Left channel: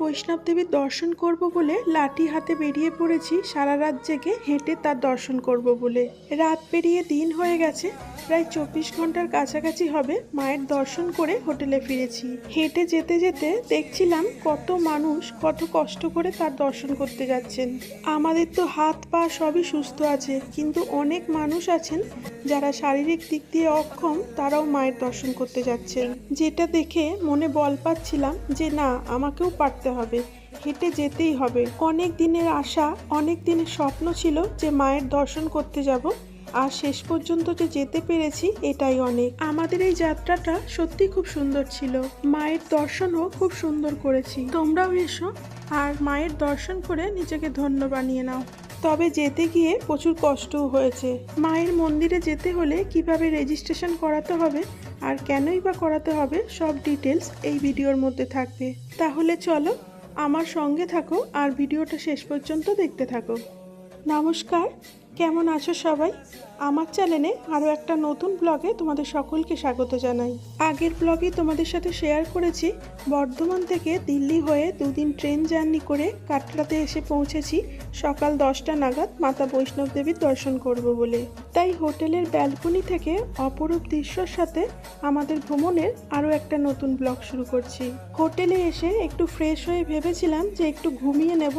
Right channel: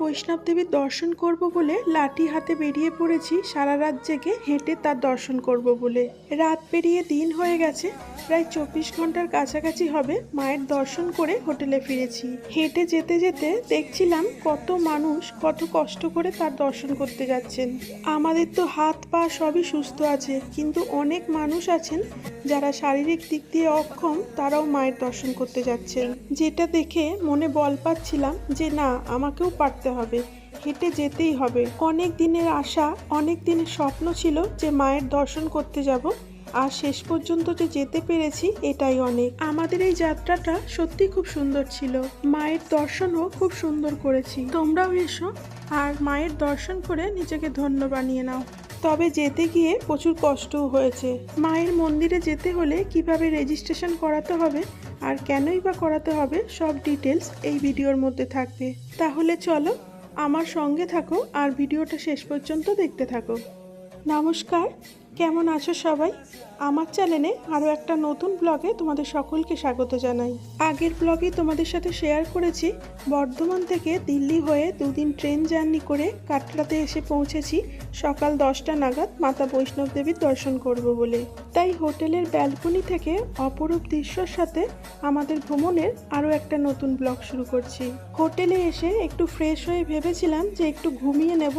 বৈষ্ণব দেবীর দর্শন করব বলে লাঠি হাতে বেরিয়ে পড়েছি সারা রাত জেগে হেঁটে তার দর্শন করব বলে। রাত পেরিয়ে দিন হয়ে গেছে, প্রায় 24 ঘন্টার কাছাকাছি হবে মায়ের দর্শন করে হোটেলে ফিরেছি। হেঁটে যেতে যেতে দেখছিলাম কত মানুষ কত কষ্ট করে তার দর্শন করতে যাচ্ছেন। আমাদের তো হাত পা সবই সুস্থ আছে, কিন্তু অনেক মানুষ আছেন যারা শারীরিক দিক দিয়ে অক্ষম, তারাও মায়ের দর্শন করতে যাচ্ছেন। যেটা দেখে মনে বল পাচ্ছিলাম যে না, আমাকেও পারতে হবে, হেঁটে যেতেই হবে। অনেক দিনের আশা, অনেক দিনের স্বপ্ন ছিল যে মায়ের দর্শন করতে যাব, আর শেষ পর্যন্ত যে যেতে পেরেছি এটাই অনেক। আমাদের এই যাত্রাটা সত্যি খুব সুন্দর ছিল, মায়ের দর্শনও খুব সুন্দর করেছি। তোমরাও এসো আর মায়ের দর্শন করে নিজেকে ধন্য বানিয়ে নাও। তবে যেতে গিয়ে প্রচুর কষ্টও হয়েছে। মায়ের মন্দিরে যেতে হলে কিভাবে রেজিস্ট্রেশন করাতে হবে আর কেনই বা করাতে হবে, সব ডিটেলস এই ভিডিওর মধ্যে থাকবে। তাহলে চলো আমার সঙ্গে থাকো আর ভিডিওটা শেষ পর্যন্ত দেখতে থাকো। নমস্কার, কেমন আছো সবাই? আমার চ্যানেলে আরও একটা নতুন ব্লগে তোমাদের সকলকে স্বাগত জানাই। আগের ব্লগে তোমাদের সাথে শেয়ার করেছি বর্ধমান থেকে দিল্লি হয়ে দুদিন ট্রেন জার্নি করে কাটরাতে এসে পৌঁছেছি সকাল 10টা নাগাদ মাতা বৈষ্ণব দেবীর দর্শন করব বলে। তাই হোটেলের ব্যালকনি থেকে অপরূপ দৃশ্যর সাথে আমাদের ভ্রমণের আরও একটা নতুন ব্লগ শুরু করছি। হোটেলে এসে একটু ফ্রেশ হয়ে ভেবেছিলাম যে একটু ঘুমিয়ে নেব,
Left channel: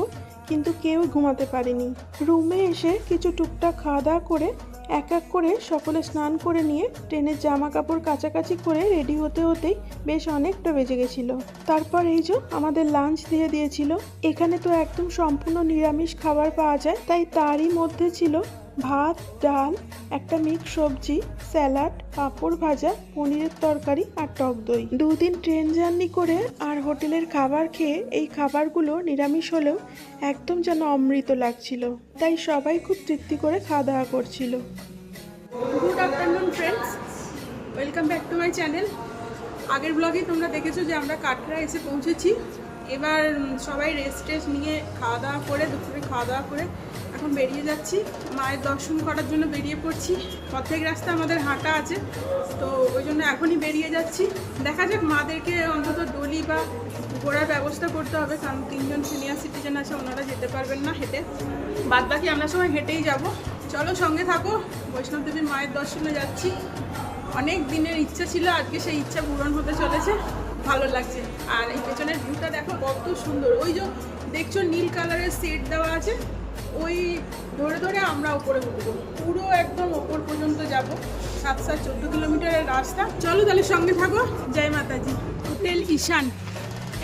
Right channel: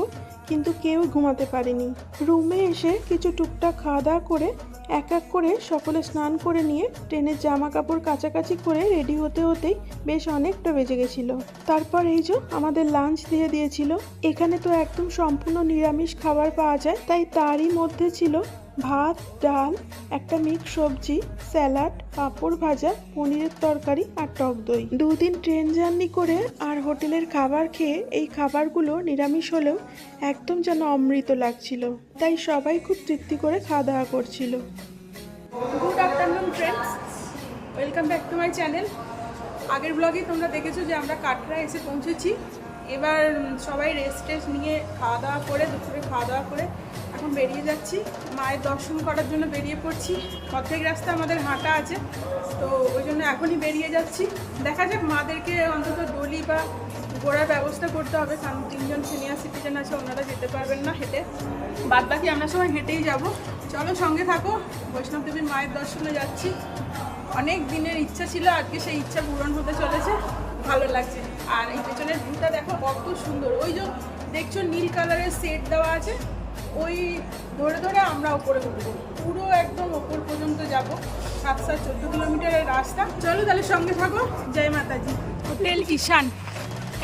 কিন্তু কেউ ঘুমাতে পারিনি। রুমে এসে কিছু টুকটাক খাওয়া দাওয়া করে এক এক করে সকলে স্নান করে নিয়ে ট্রেনের জামা কাপড় কাচাকাচি করে রেডি হতে হতেই বেশ অনেকটা বেজে গেছিল। তারপর এই যে আমাদের লাঞ্চ দিয়ে দিয়েছিল। এখানে তো একদম সম্পূর্ণ নিরামিষ খাবার পাওয়া যায়, তাই তারই মধ্যে ছিল ভাত, ডাল, একটা মিক্স সবজি, স্যালাড, পাঁপড় ভাজা, পনিরের তরকারি আর টক দই। দুদিন ট্রেন জার্নি করে আর হোটেলের খাবার খেয়ে এই খাবারগুলো নিরামিষ হলেও একদম যেন অমৃত লাগছিল, তাই সবাই খুব তৃপ্তি করে খাওয়া দাওয়া করছিল। Good afternoon friends, welcome back to my channel. আগের ব্লগে তোমরা দেখেছো যে আমরা কাটরা এসে পৌঁছেছি। এবার সবাই রেস্ট নিয়ে খাওয়া দাওয়া করে, দুপুরে খাওয়া দাওয়া করে এখন বেরিয়ে যাচ্ছি মায়ের দর্শন করার জন্য। বেরিয়ে পড়ছি, অর্ধেক রাস্তা আমাদের হাঁটা আছে, তো ওই জন্য এখনই বেরিয়ে যাচ্ছি। দেখা যাক, মাদেরকে অন্তত ডলি বা ঘোরার ব্যবস্থা করতে হবে, কারণ 3জন সিনিয়র সিটিজেন আছে, ওনারা যেতে পারবেন না হেঁটে, বাদ বাকি আমরা সবাই হেঁটেই যাব। চলো সঙ্গে থাকো, বৈষ্ণব দেবীর মায়ের দর্শনে যাচ্ছি। অনেক দিনের ইচ্ছা ছিল, আজকে সেই ইচ্ছা পূরণ হতে চলেছে, ভালো লাগছে। আর এই পেছনের ভিউটা দেখো কত সুন্দর। ওই যে দেখছো নীল কালারের সেট দেওয়া আছে, ওই ধরে ধরে আমরা ওপরে উঠবো, পুরো একদম ওপর পর্যন্ত যাব। 7-14 কিলোমিটারের রাস্তা। চলো তাহলে সঙ্গে থাকো। জয় মাতাজি। হোটেল ঈশান,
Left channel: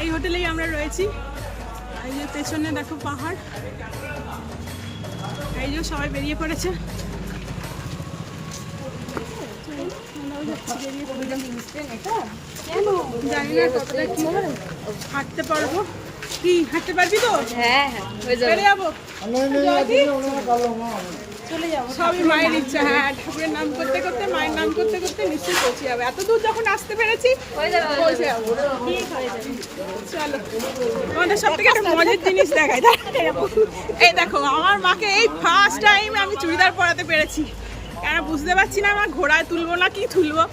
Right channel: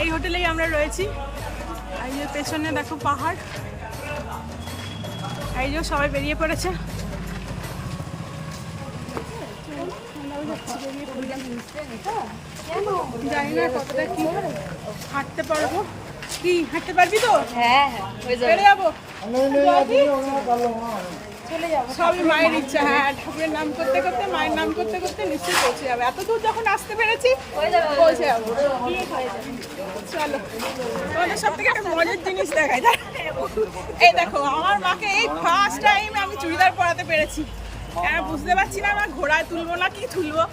এই হোটেলেই আমরা রয়েছি। এই যে পেছনে দেখো পাহাড়, এই যে সবাই বেরিয়ে পড়েছে। বেরিয়ে পড়লাম, জানি না কতটা কি হাঁটতে পারবো। কি হাঁটতে পারবি তো? হ্যাঁ হ্যাঁ, চলে যাবো, চলে যাবো, সবই মায়ের ইচ্ছা। হ্যাঁ, ঠাকুরের নাম করতে করতে, মায়ের নাম করতে করতে নিশ্চয়ই পৌঁছে যাবে। এত দূর যখন আসতে পেরেছি পৌঁছে যাবো। চলো তোমাদের সব থেকে একটা মজার জিনিস দেখাই। এই দেখো, আমার মাকে এই ফার্স্ট টাইম আমি চুড়িদার পরাতে পেরেছি। কেন বুঝতে পারছি না, আমার ঘোড়ায় তুলবো না কি তুলবো।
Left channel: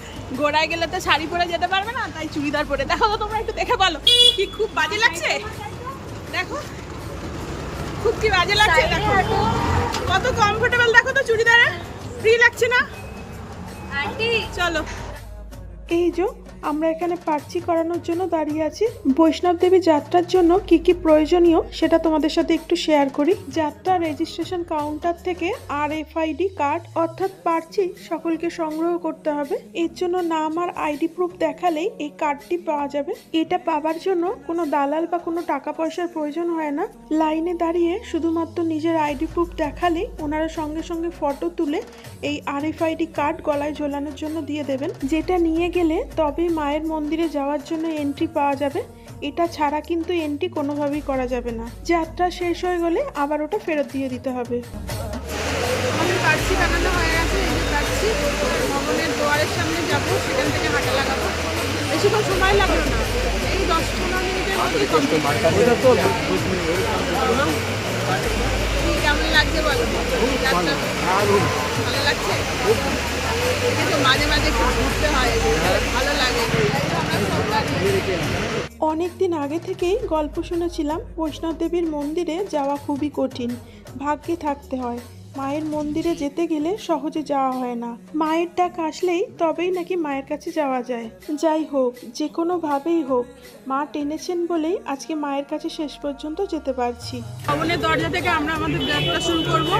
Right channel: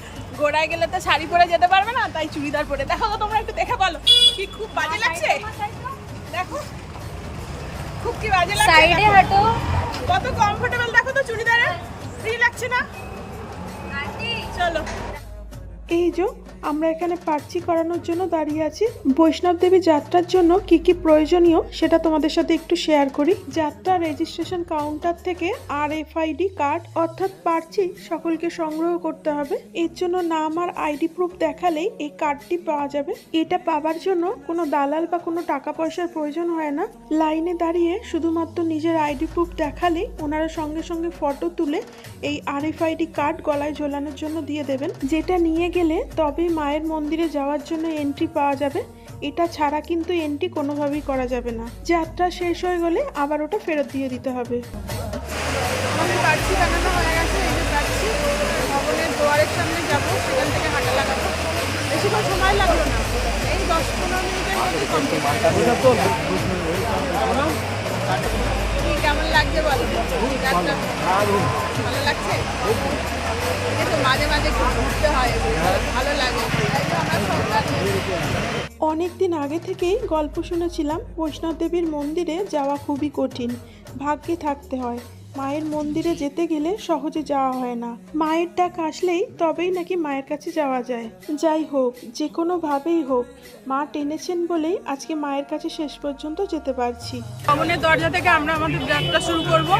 ঘোড়ায় গেলে তো শাড়ি পরে যেতে পারবে না, তাই চুড়িদার পরে। দেখো তো তোমরা একটু দেখে বলো, কি খুব বাজে লাগছে? দেখো খুব কি বাজে লাগছে, দেখো কত কমফোর্টেবল, দেখো তো চুড়িদারে ফ্রি লাগছে না? চলো, এই যে আমরা এখানে পার্চি করানোর জন্য দাঁড়িয়ে আছি। বৈষ্ণব দেবী যাত্রার জন্য কি কি প্রয়োজনীয় সেটা তোমাদের সাথে একটু শেয়ার করি। যাত্রা রেজিস্ট্রেশন কাউন্টার থেকে RFID কার্ড অর্থাৎ পার্চি সকলকে সংগ্রহ করতে হবে। এর জন্য নাম আর ID প্রুফ দেখালেই এই কার্ডটি পাওয়া যাবে। এটা পাওয়ার জন্য কোনো দালাল বা কোনো টাকা পয়সার প্রয়োজন হয় না। লাইনে দাঁড়িয়ে শুধুমাত্র নিজের ID প্রুফ দেখালেই ওনারা সঙ্গে সঙ্গে ফটো তুলে এই RFID কার্ড গলায় ঝোলানোর জন্য দিয়ে দেবেন, যেটা নিয়ে গেলে তবেই মায়ের মন্দিরে যাওয়ার জন্য এন্ট্রি পাওয়া যাবে। এটা ছাড়া কিন্তু এন্ট্রি কোনোভাবেই করা যাবে না। যাত্রা শেষ হয়ে গেলে আবার ওটা ফেরত দিয়ে দিতে হবে। আমাদের পার্চি বানানো হয়ে গেছে। এই যে পার্চি, ভবনের দুয়ারের সামনে যাব, সেখান থেকে হাঁটা লাগাবো। বেশিক্ষণ সময় লাগলো না, এই 10-15 মিনিটের মধ্যেই কমপ্লিট হয়ে গেছে। কি কেমন লাগছে বলো? যাত্রা ভালো লাগছে? দেখো মাঝে মাঝে একটু ঘুরতে হয়, ভালো লাগে। তাই তো আমরা সব গাড়ি অনেক দিন আগে থেকেই গল্প শুনেছিলাম বৈষ্ণব দেবীর মন্দিরে যাওয়া খুবই কঠিন, ভাগ্যে থাকতে হয়। মায়ের মন্দিরে যেতে গেলে সহজে যাওয়া হয় না, মায়ের ডাক আসলেই তবেই নাকি মায়ের কাছে যাওয়া যায়। যাই হোক, যে কোনোভাবেই হোক, মা টেনেছেন বলেই আজকে মায়ের কাছে শেষ পর্যন্ত যেতে পারছি। ভবনের দরজা থেকে আমরা আমাদের যাত্রা শুরু করব।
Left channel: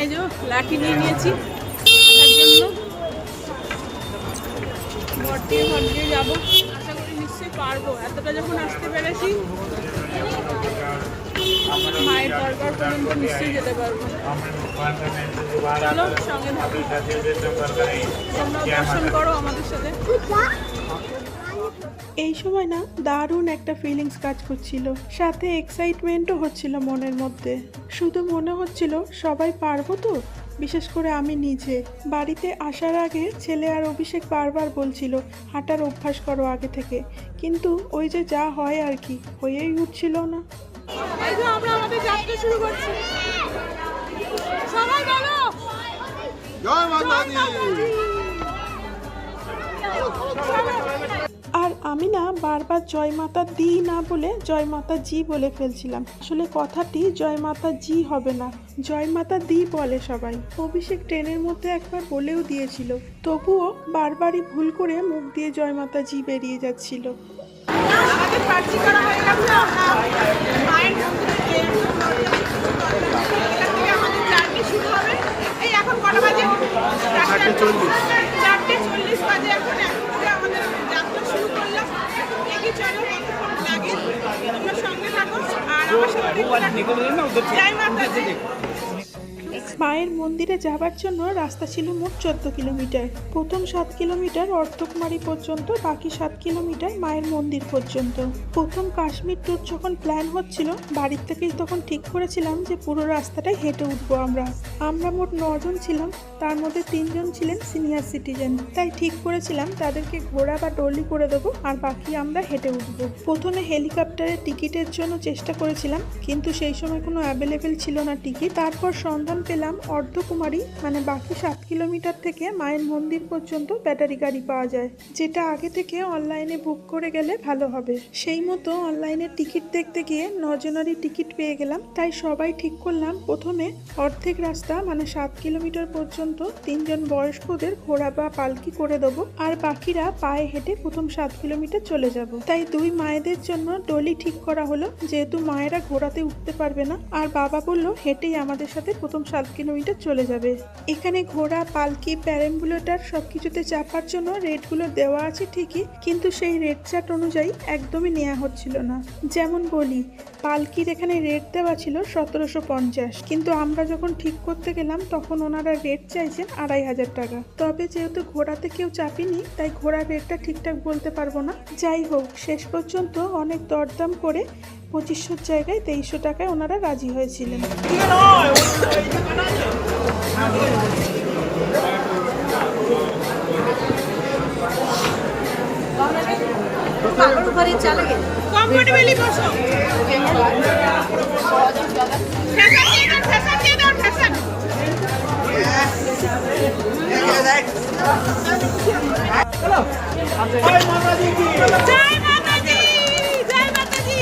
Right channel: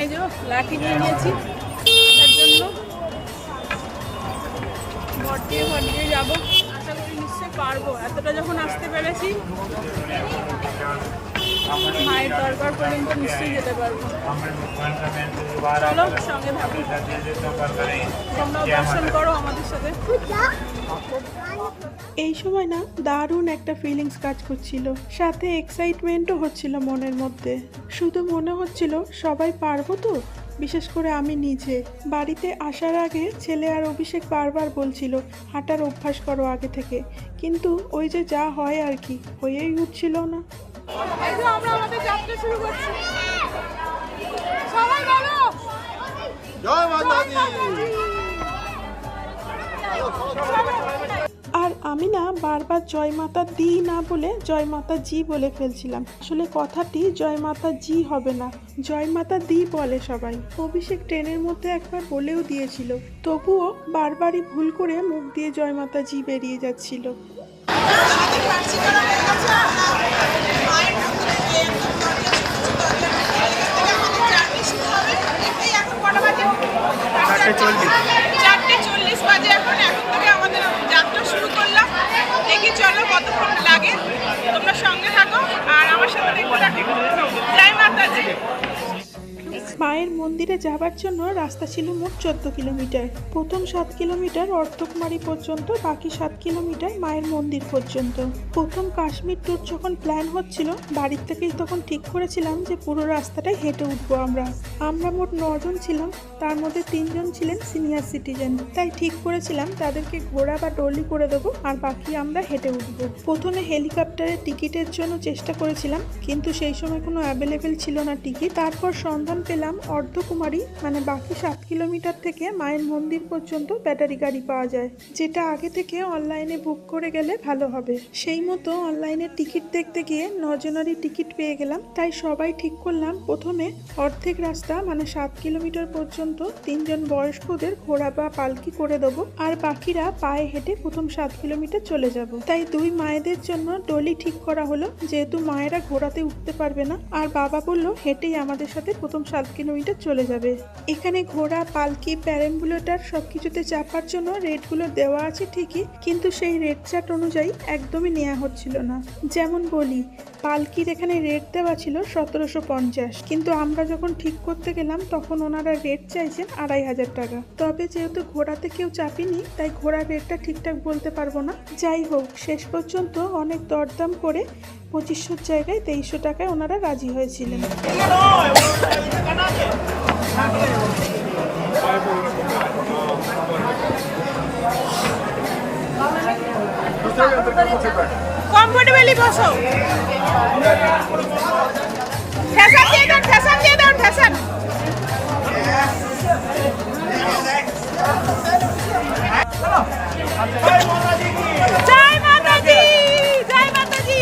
এই যে লাঠি নিয়ে নিয়েছি আসার জন্য, ঘর দিয়ে যাবো। আশা করি নিশ্চয়ই পারবো, এতটা যখন আসতে পেরেছি মায়ের দরবার পর্যন্ত নিশ্চয়ই যেতে পারবো। চলো সঙ্গে থাকো, তোমরাও দর্শন করো আমাদের সাথে। এই সময় না দারুণ একটা ফিলিংস কাজ করছিল, সাথে এক্সাইটমেন্টও হচ্ছিল মনের মধ্যে। শুধু মনে হচ্ছিল সবাই পারবো তো, বিশেষ করে আমি নিজে। বাড়িতে আসার আগে ছেলে আর অভিষেক বারবার বলছিল হাঁটার অভ্যাস করো আগে থেকে, কিন্তু ওই যে যা হয় আর কি, হয়েই উঠছিল না। এই যে আমরা আমাদের যাত্রা শুরু করছি, সবাই বলো জয় মাতা দি। আর আমি না বারবার জয় মাতা দি না বলে জয় মাতা জি বলে ফেলছিলাম। আসলে কথাটি জয় মাতা জি হবে না, জয় মাতা দি বলে সবাই। অভিষেক ট্রেনের মধ্যে একবার বলেও দিয়েছিল, তবুও বারবারই ভুল করে মুখ দিয়ে জয় মাতা জি বেরিয়ে যাচ্ছিল। আমাদের পার্সি করা হয়ে গেছে। আমরা মায়ের মন্দিরে একদম দরজা ঢুকেছি, দরজা ঢুকে এখান থেকে আমাদের জার্নি শুরু হবে। এই এখন কটা বাজে? 4:40 বাজে। এখন থেকে আমাদের যাত্রা শুরু করলাম। দেখি চলো কতক্ষণ লাগে, তোমরা সঙ্গে থাকো আর আমার সাথে দেখতে থাকো। জয় মাতাজি। মায়ের মন্দিরে যাবার জন্য রাস্তা ছিল মোট 14 কিলোমিটার। প্রথম 7 কিলোমিটার অর্ধকুমারী পর্যন্ত, বাকি 7 কিলোমিটার মায়ের মন্দির পর্যন্ত। প্রথম কাশ্মীর ট্যুর যখন প্ল্যান হচ্ছিল, বাড়ির থেকেই তখন ঠিক করেছিলাম যে পুরো রাস্তাটাই হেঁটে উঠবো আমরা মোট 9 জন ছিলাম, তার মধ্যে 3 জন ছিলেন সিনিয়র সিটিজেন। তাই ঠিক করেছিলাম তাদেরকে ঘোড়া বা ডলি করে দেবো, আর বাকি আমরা হেঁটে উঠবো। প্রথমে হেলিকপ্টারের টিকিটের জন্য চেষ্টা করেছিলাম, কিন্তু সেই সময় কোনো অ্যাভেলেবেল ছিল না টিকিট। তারপর সন্ধান পেলাম অর্ধকুমারী মানে বাকি 7 কিলোমিটার থেকে মায়ের মন্দির পর্যন্ত ব্যাটারি গাড়ি পাওয়া যায়, যেটা আগে থেকে অনলাইনে বুক করে গেলে ভালো হবে। সেই মতো অনলাইনে টিকিট দেখতে গিয়ে 9 জনেরই টিকিট পেয়ে গেলাম। তাই সবাই ঠিক করলাম প্রথমে অর্ধেক রাস্তা মানে 7 কিলোমিটার পর্যন্ত 3 জন বয়স্কদের ঘোড়া বা পালকি করে দেবো, আর বাকিরা পায়ে হেঁটে প্রথম 7 কিলোমিটার চলে যাব। তাই 2 মায়েদের জন্য ডলি ঠিক করা হলো, যেহেতু মায়েরা ঘোড়াতে উঠতে পারবে না, আর বাবা বলল হেঁটেই আমাদের সাথে প্রথম 7 কিলোমিটার চলে যাবে। এখানে ঘোড়া, পালকি, প্যারাম্বুলেটর সবকিছুতে চাপার জন্য রেটগুলো দেওয়া আছে ঠিকই, কিন্তু সেই রেট চার্ট অনুযায়ী একদমই নেওয়া হচ্ছিল না। যেমন বলি, পালকির এখানে রেট দেওয়া ছিল 1750, কিন্তু আমরা যখন ঠিক করতে গেলাম তখন ওনারা রেট চাইছেন 2500 টাকা। তবে যেহেতু ঘোড়াতে কেউ চাপিনি, তাই ঘোড়ার রেটটা ঠিকঠাক বলতে পারবো না। যাই হোক, শেষ পর্যন্ত অনেক দরদাম করে 2500 জায়গায় 2300 টাকায় ওনারা রাজি হয়েছিলেন। কমফোর্টেবলি বসো। ফ্যাশন দিয়ে দাও, ফ্যাশন দিয়ে দাও, ফ্যাশন। জয় মাতাজি, জয় মাতাজি।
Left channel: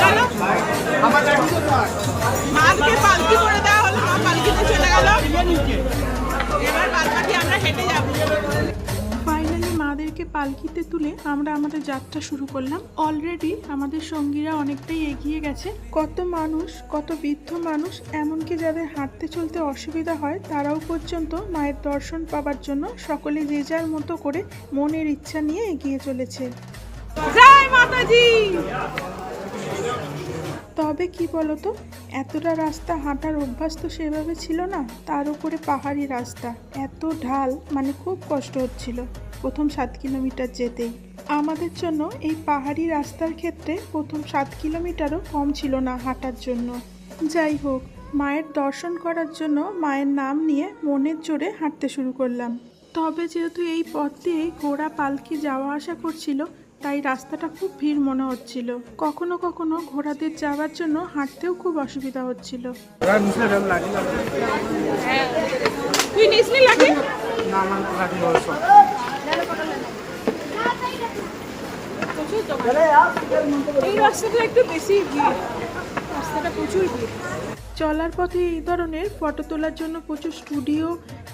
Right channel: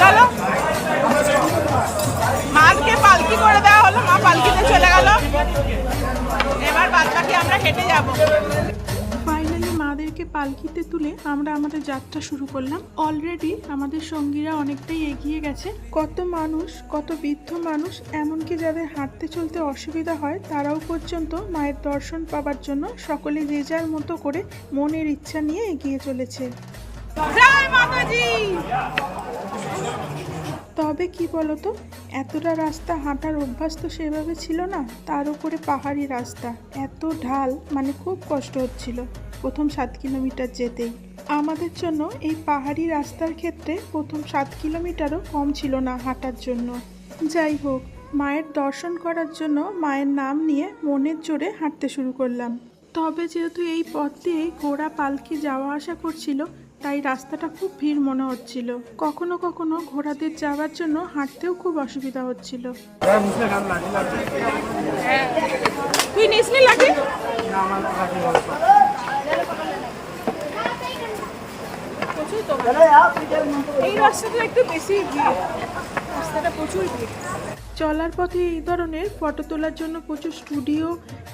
চলো, মাকে পালকি করে দেওয়া হলো, মা পালকিতে চলে গেল। এবার বাদ বাকি আমরা হেঁটে যাবো। ফাইনালি মাদেরকে পালকিতে তুলে আমরা আমাদের যাত্রা শুরু করলাম। অলরেডি আমাদের সঙ্গীরা অনেকটাই এগিয়ে গেছে। কত মানুষ, কত বৃদ্ধ মানুষ, এমনকি যাদের হাঁটতে চলতে অসুবিধা হয় তারাও পর্যন্ত মায়ের দর্শন পাবার জন্য সকলে যে যার মতো করে মনের ইচ্ছা নিয়ে এগিয়ে চলেছে। জয় মাতাজি। তবে কি বলতো, এতটা রাস্তা হাঁটার অভ্যাস তো সেভাবে ছিল না, তার উপরে পাহাড়ি রাস্তা, এত ঢাল, মানে খুব কষ্ট হচ্ছিল প্রথম 7 কিলোমিটার যেতেই। আমাদের জন্য এই পাহাড়ি রাস্তার ক্ষেত্রে প্রথম 7 কিলোমিটারও কম ছিল না হাঁটার জন্য। যাই হোক, মায়ের দর্শন করার জন্য মায়ের নাম নিয়ে মনের জোরে হাঁটতে শুরু করলাম। তবে যেহেতু এই পথ দিয়ে ঘোড়া পালকি যাওয়া আসা করছিল, তাই রাস্তাটা খুব ভিড় মনে হচ্ছিল। কখনো কখনো ঘোড়াদের যাওয়ার জন্য হাঁটতেও খুব অসুবিধা হচ্ছিল। তুই নিসনি লাগে? প্রচুর দোকান। এই রাস্তাটা একটু বেশি ভিড়, রাস্তাটা প্রচুর ভিড়। চলার পথে এই ধরনের ফটো তোলার জন্য প্রচুর স্টুডিও,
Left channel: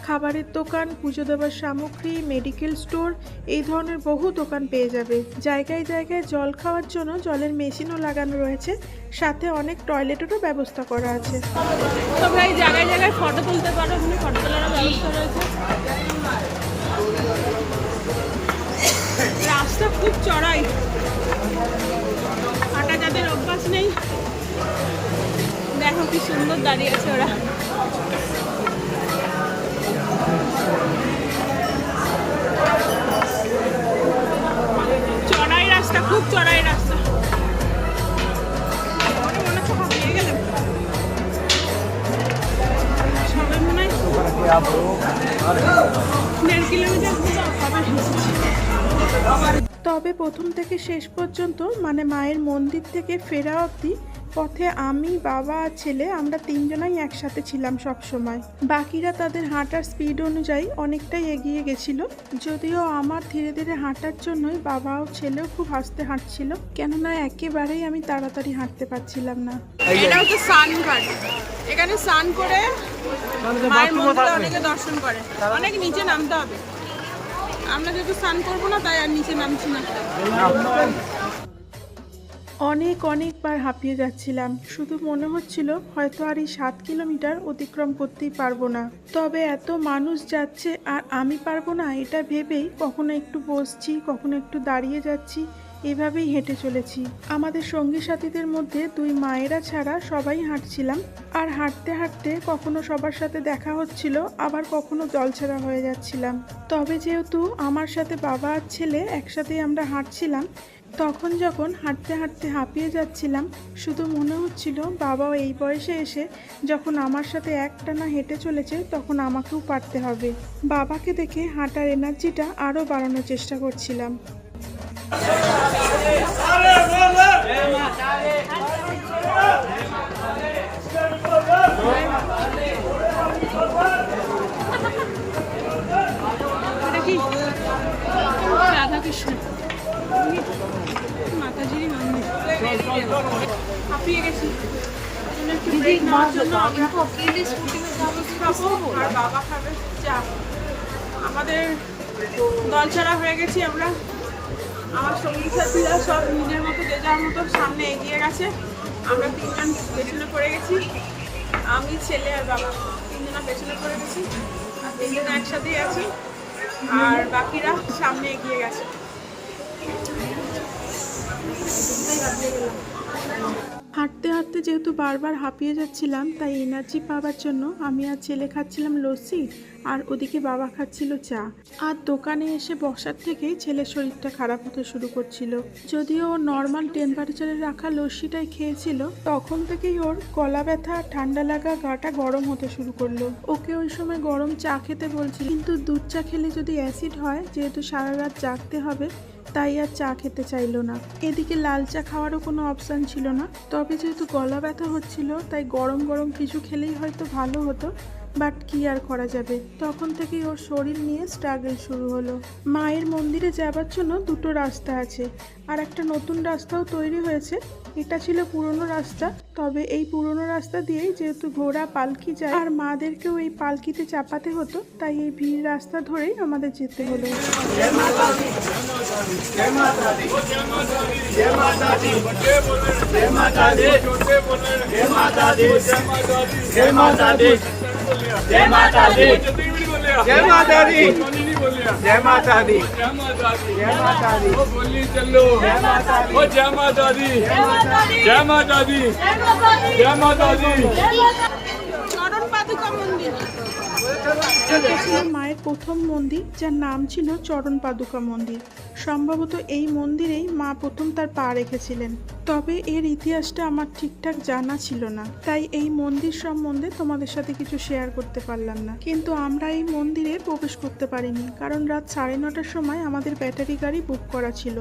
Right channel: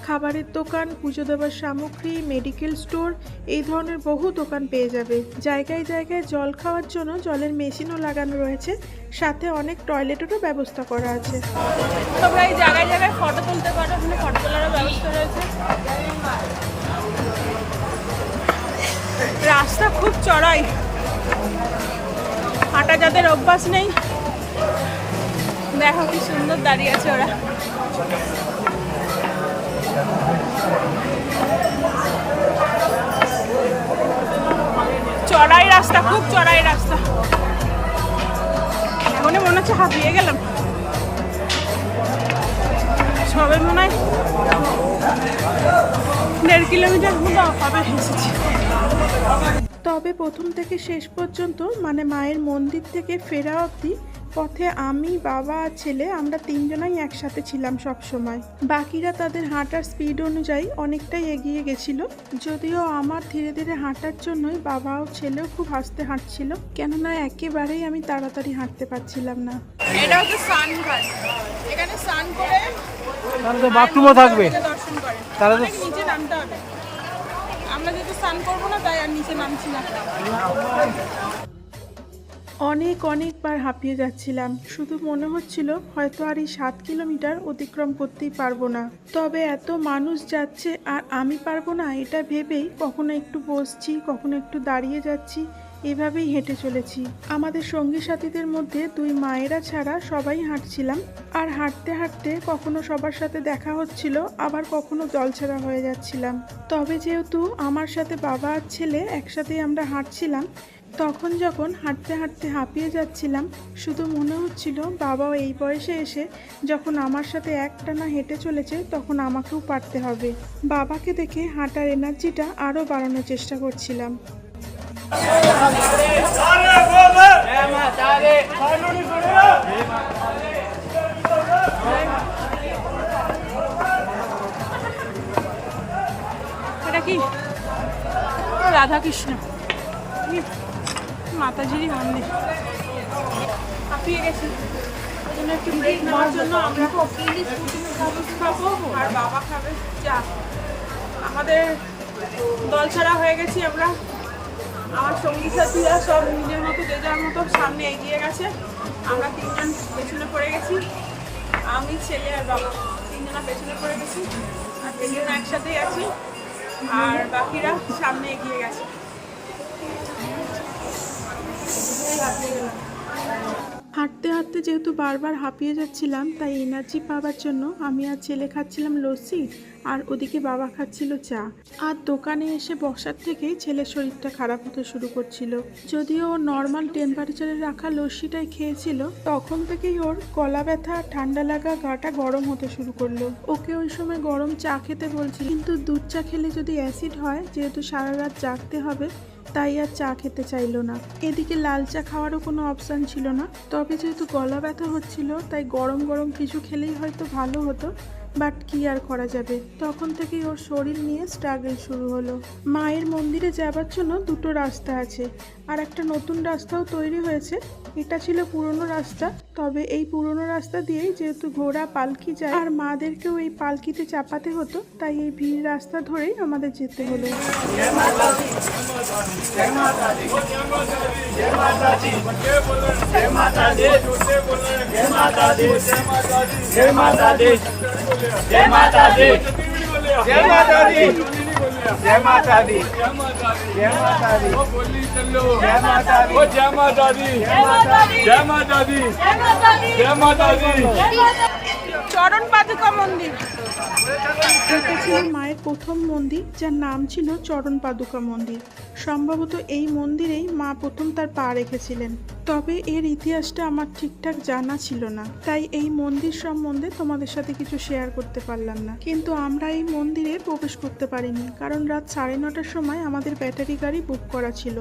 খাবারের দোকান, পুজো দেওয়ার সামগ্রী, মেডিকেল স্টোর, এই ধরনের বহু দোকান পেয়ে যাবে। জায়গায় জায়গায় জল খাওয়ার জন্য জলের মেশিনও লাগানো রয়েছে, সাথে অনেক টয়লেটেরও ব্যবস্থা করা আছে। তোমরা এই জায়গায় জায়গায় ফটো তুলতে পারো, এখানে ফটো তোলারও ব্যবস্থা রয়েছে। রাস্তা খুব চড়াই, হাঁটা যাদের অভ্যাস নেই, দেখো কি সুন্দর দাঁড়িয়ে আছে ওরা। চড়াই রাস্তা, খুব চড়াই রাস্তা, মনে হচ্ছে হারিয়ে গেলাম। সবাই মনে হয় 1.5 কিলোমিটার হবে হেসেছি। তবে প্রথম থেকে শেষ পর্যন্ত মানে মায়ের মন্দির থেকে ফেরা অবধি পথে আমি, বাবা আর ছেলে আমরা 3 জনাই একসাথে ছিলাম সব সময়। বাকিরা তাদের হাঁটার স্পিড অনুযায়ী অনেকটাই এগিয়ে গেছিল। যদিও আমার ধীরে ধীরে হাঁটার জন্যই বাবা ও ছেলেও খুব আস্তে হাঁটছিল, কেননা একেবারেই আমি তাড়াতাড়ি হাঁটতে পারছিলাম না। এটা হচ্ছে সানঘাট, এখানে স্নান করে বাথরুমও থাকবে, দর্শন করে। অনেক নিচে নামতে হবে, আমরা যেহেতু স্নান করবো না তাই আর নিচে নামছি না। অনেকবার হাঁপিয়ে যাচ্ছিলাম, শুধু মনে হচ্ছিল হয়তো আর এই 7 কিলোমিটার অতিক্রম করতেই পারবো না। তবে এত মানুষ যাচ্ছে আর আমি পারবো না এটা ভেবেই কখনো একটু বসছি, কখনো একটু দাঁড়িয়ে যাচ্ছি, এভাবেই হেঁটে চলেছি। আমাদের সঙ্গী সাথীদের মধ্যে 2 মায়েরা ছাড়া সবাই হাঁটছিলাম, আর হাঁটতে হাঁটতে কখনো সবার সাথে দেখা হচ্ছিল, আবার কখনো জলছাড়া হয়ে যাচ্ছিলাম। তবে যেহেতু আমার সাথে বাবা আর ছেলে একসাথেই আমরা হাঁটছিলাম, তখন যখন হাঁটতে হাঁটতে হাঁপিয়ে যাচ্ছিলাম, শুধু মনে হচ্ছিল বাবাও এই বয়সে এসে যখন আমার সাথে একটানা হেঁটে চলেছে তখন আমাকেও পারতে হবে। বাবাকে দেখে হাঁটার এনার্জিটা আরও বাড়ানোর চেষ্টা করছিলাম। এটা কি? রাধাকৃষ্ণ মাতাজির মন্দির। হাঁপিয়ে গেছি, ওই জন্য একটু ব্রেক নেওয়ার জন্য আমরা খাবো আর বাবা খাবে চা। আমাদের দল ছাড়া হয়ে গেছি আমরা। আমার সঙ্গী সাথীরা সব নিজের মতো যে যার মতো সামনে এগিয়ে গেছে, আমরা 3 জন পেছনে পড়ে গেছি। আমি, ছেলে আর বাবা 3 জনা পেছনে পড়ে গেছি, আর 3 জনা একসাথেই আছি, আর বাকিরা সামনে এগিয়ে গেছে। হাঁটতে হাঁটতে যেহেতু বারবার হাঁপিয়ে যাচ্ছিলাম, তাই এনার্জি পাওয়ার জন্য আমি আর ছেলে খাচ্ছিলাম লস্যি, আর ওদিকে বাবা খাচ্ছিল চা। আর দোকানে এসে বসার থেকেই ছেলের শরীরটা খারাপ হতে শুরু করছিল। যদিও ও নর্মাল টেম্পারেচারে রাখা লস্যিটাই খেয়েছিল, তখন থেকেই ওর গলা ব্যথা, ঠান্ডা লাগা, গাটা গরম হতে শুরু করলো। ওকে ওই সময় গরম চা খেতে বলছিল, কিন্তু দুধ চা খেলে যদি অ্যাসিড হয়, যেহেতু সারা রাত জাগতে হবে, তাই আর চা খেতে চাইলো না। এদিকে লাল চা খাওয়ারও কোনো অপশান ছিল না। তবে যেহেতু গলা ব্যথা হচ্ছিল, তাই গরম গরম কিছু খেলেই হয়তো ভালো হতো, বাট কি আর করা যাবে। তখন থেকেই ওর শরীর নিয়ে স্ট্রাগল শুরু হলো। মায়ের মন্দিরে যাবার জন্য 2টো রাস্তা আছে, আর একটা নতুন রাস্তাও তৈরি হয়েছে। এটা ছিল পুরনো রাস্তা, তবে এই পুরনো রাস্তা দিয়েই যেহেতু ঘোড়া পালকি যায় আর মাদেরকেও এই পালকিতে চাপাতে হতো, তাই এই ভিড় রাস্তা ধরেই আমাদের যেতে হলো। जय माता दी, जय माता दी, जय माता दी, जय माता दी, जय माता दी, जय माता दी, जय माता दी, जय माता दी। চরণ পাদুকা মন্দির। এটা ছিল মায়ের প্রথম মন্দির, যার নাম ছিল চরণ পাদুকা মন্দির। সম্ভবত এই মন্দিরেই মা প্রথম তার পা রেখেছিলেন। তবে এর ইতিহাসটা আমার ঠিকঠাক জানা ছিল না, তাই এই মন্দির সম্বন্ধে তোমাদের সাথে কিছু শেয়ার করতে পারলাম না। কিন্তু আমরা এই মন্দিরে প্রবেশ করতে পারিনি, কারণ রাত 9:30টার সময় আমাদের ব্যাটারি গাড়ি বুক করা ছিল,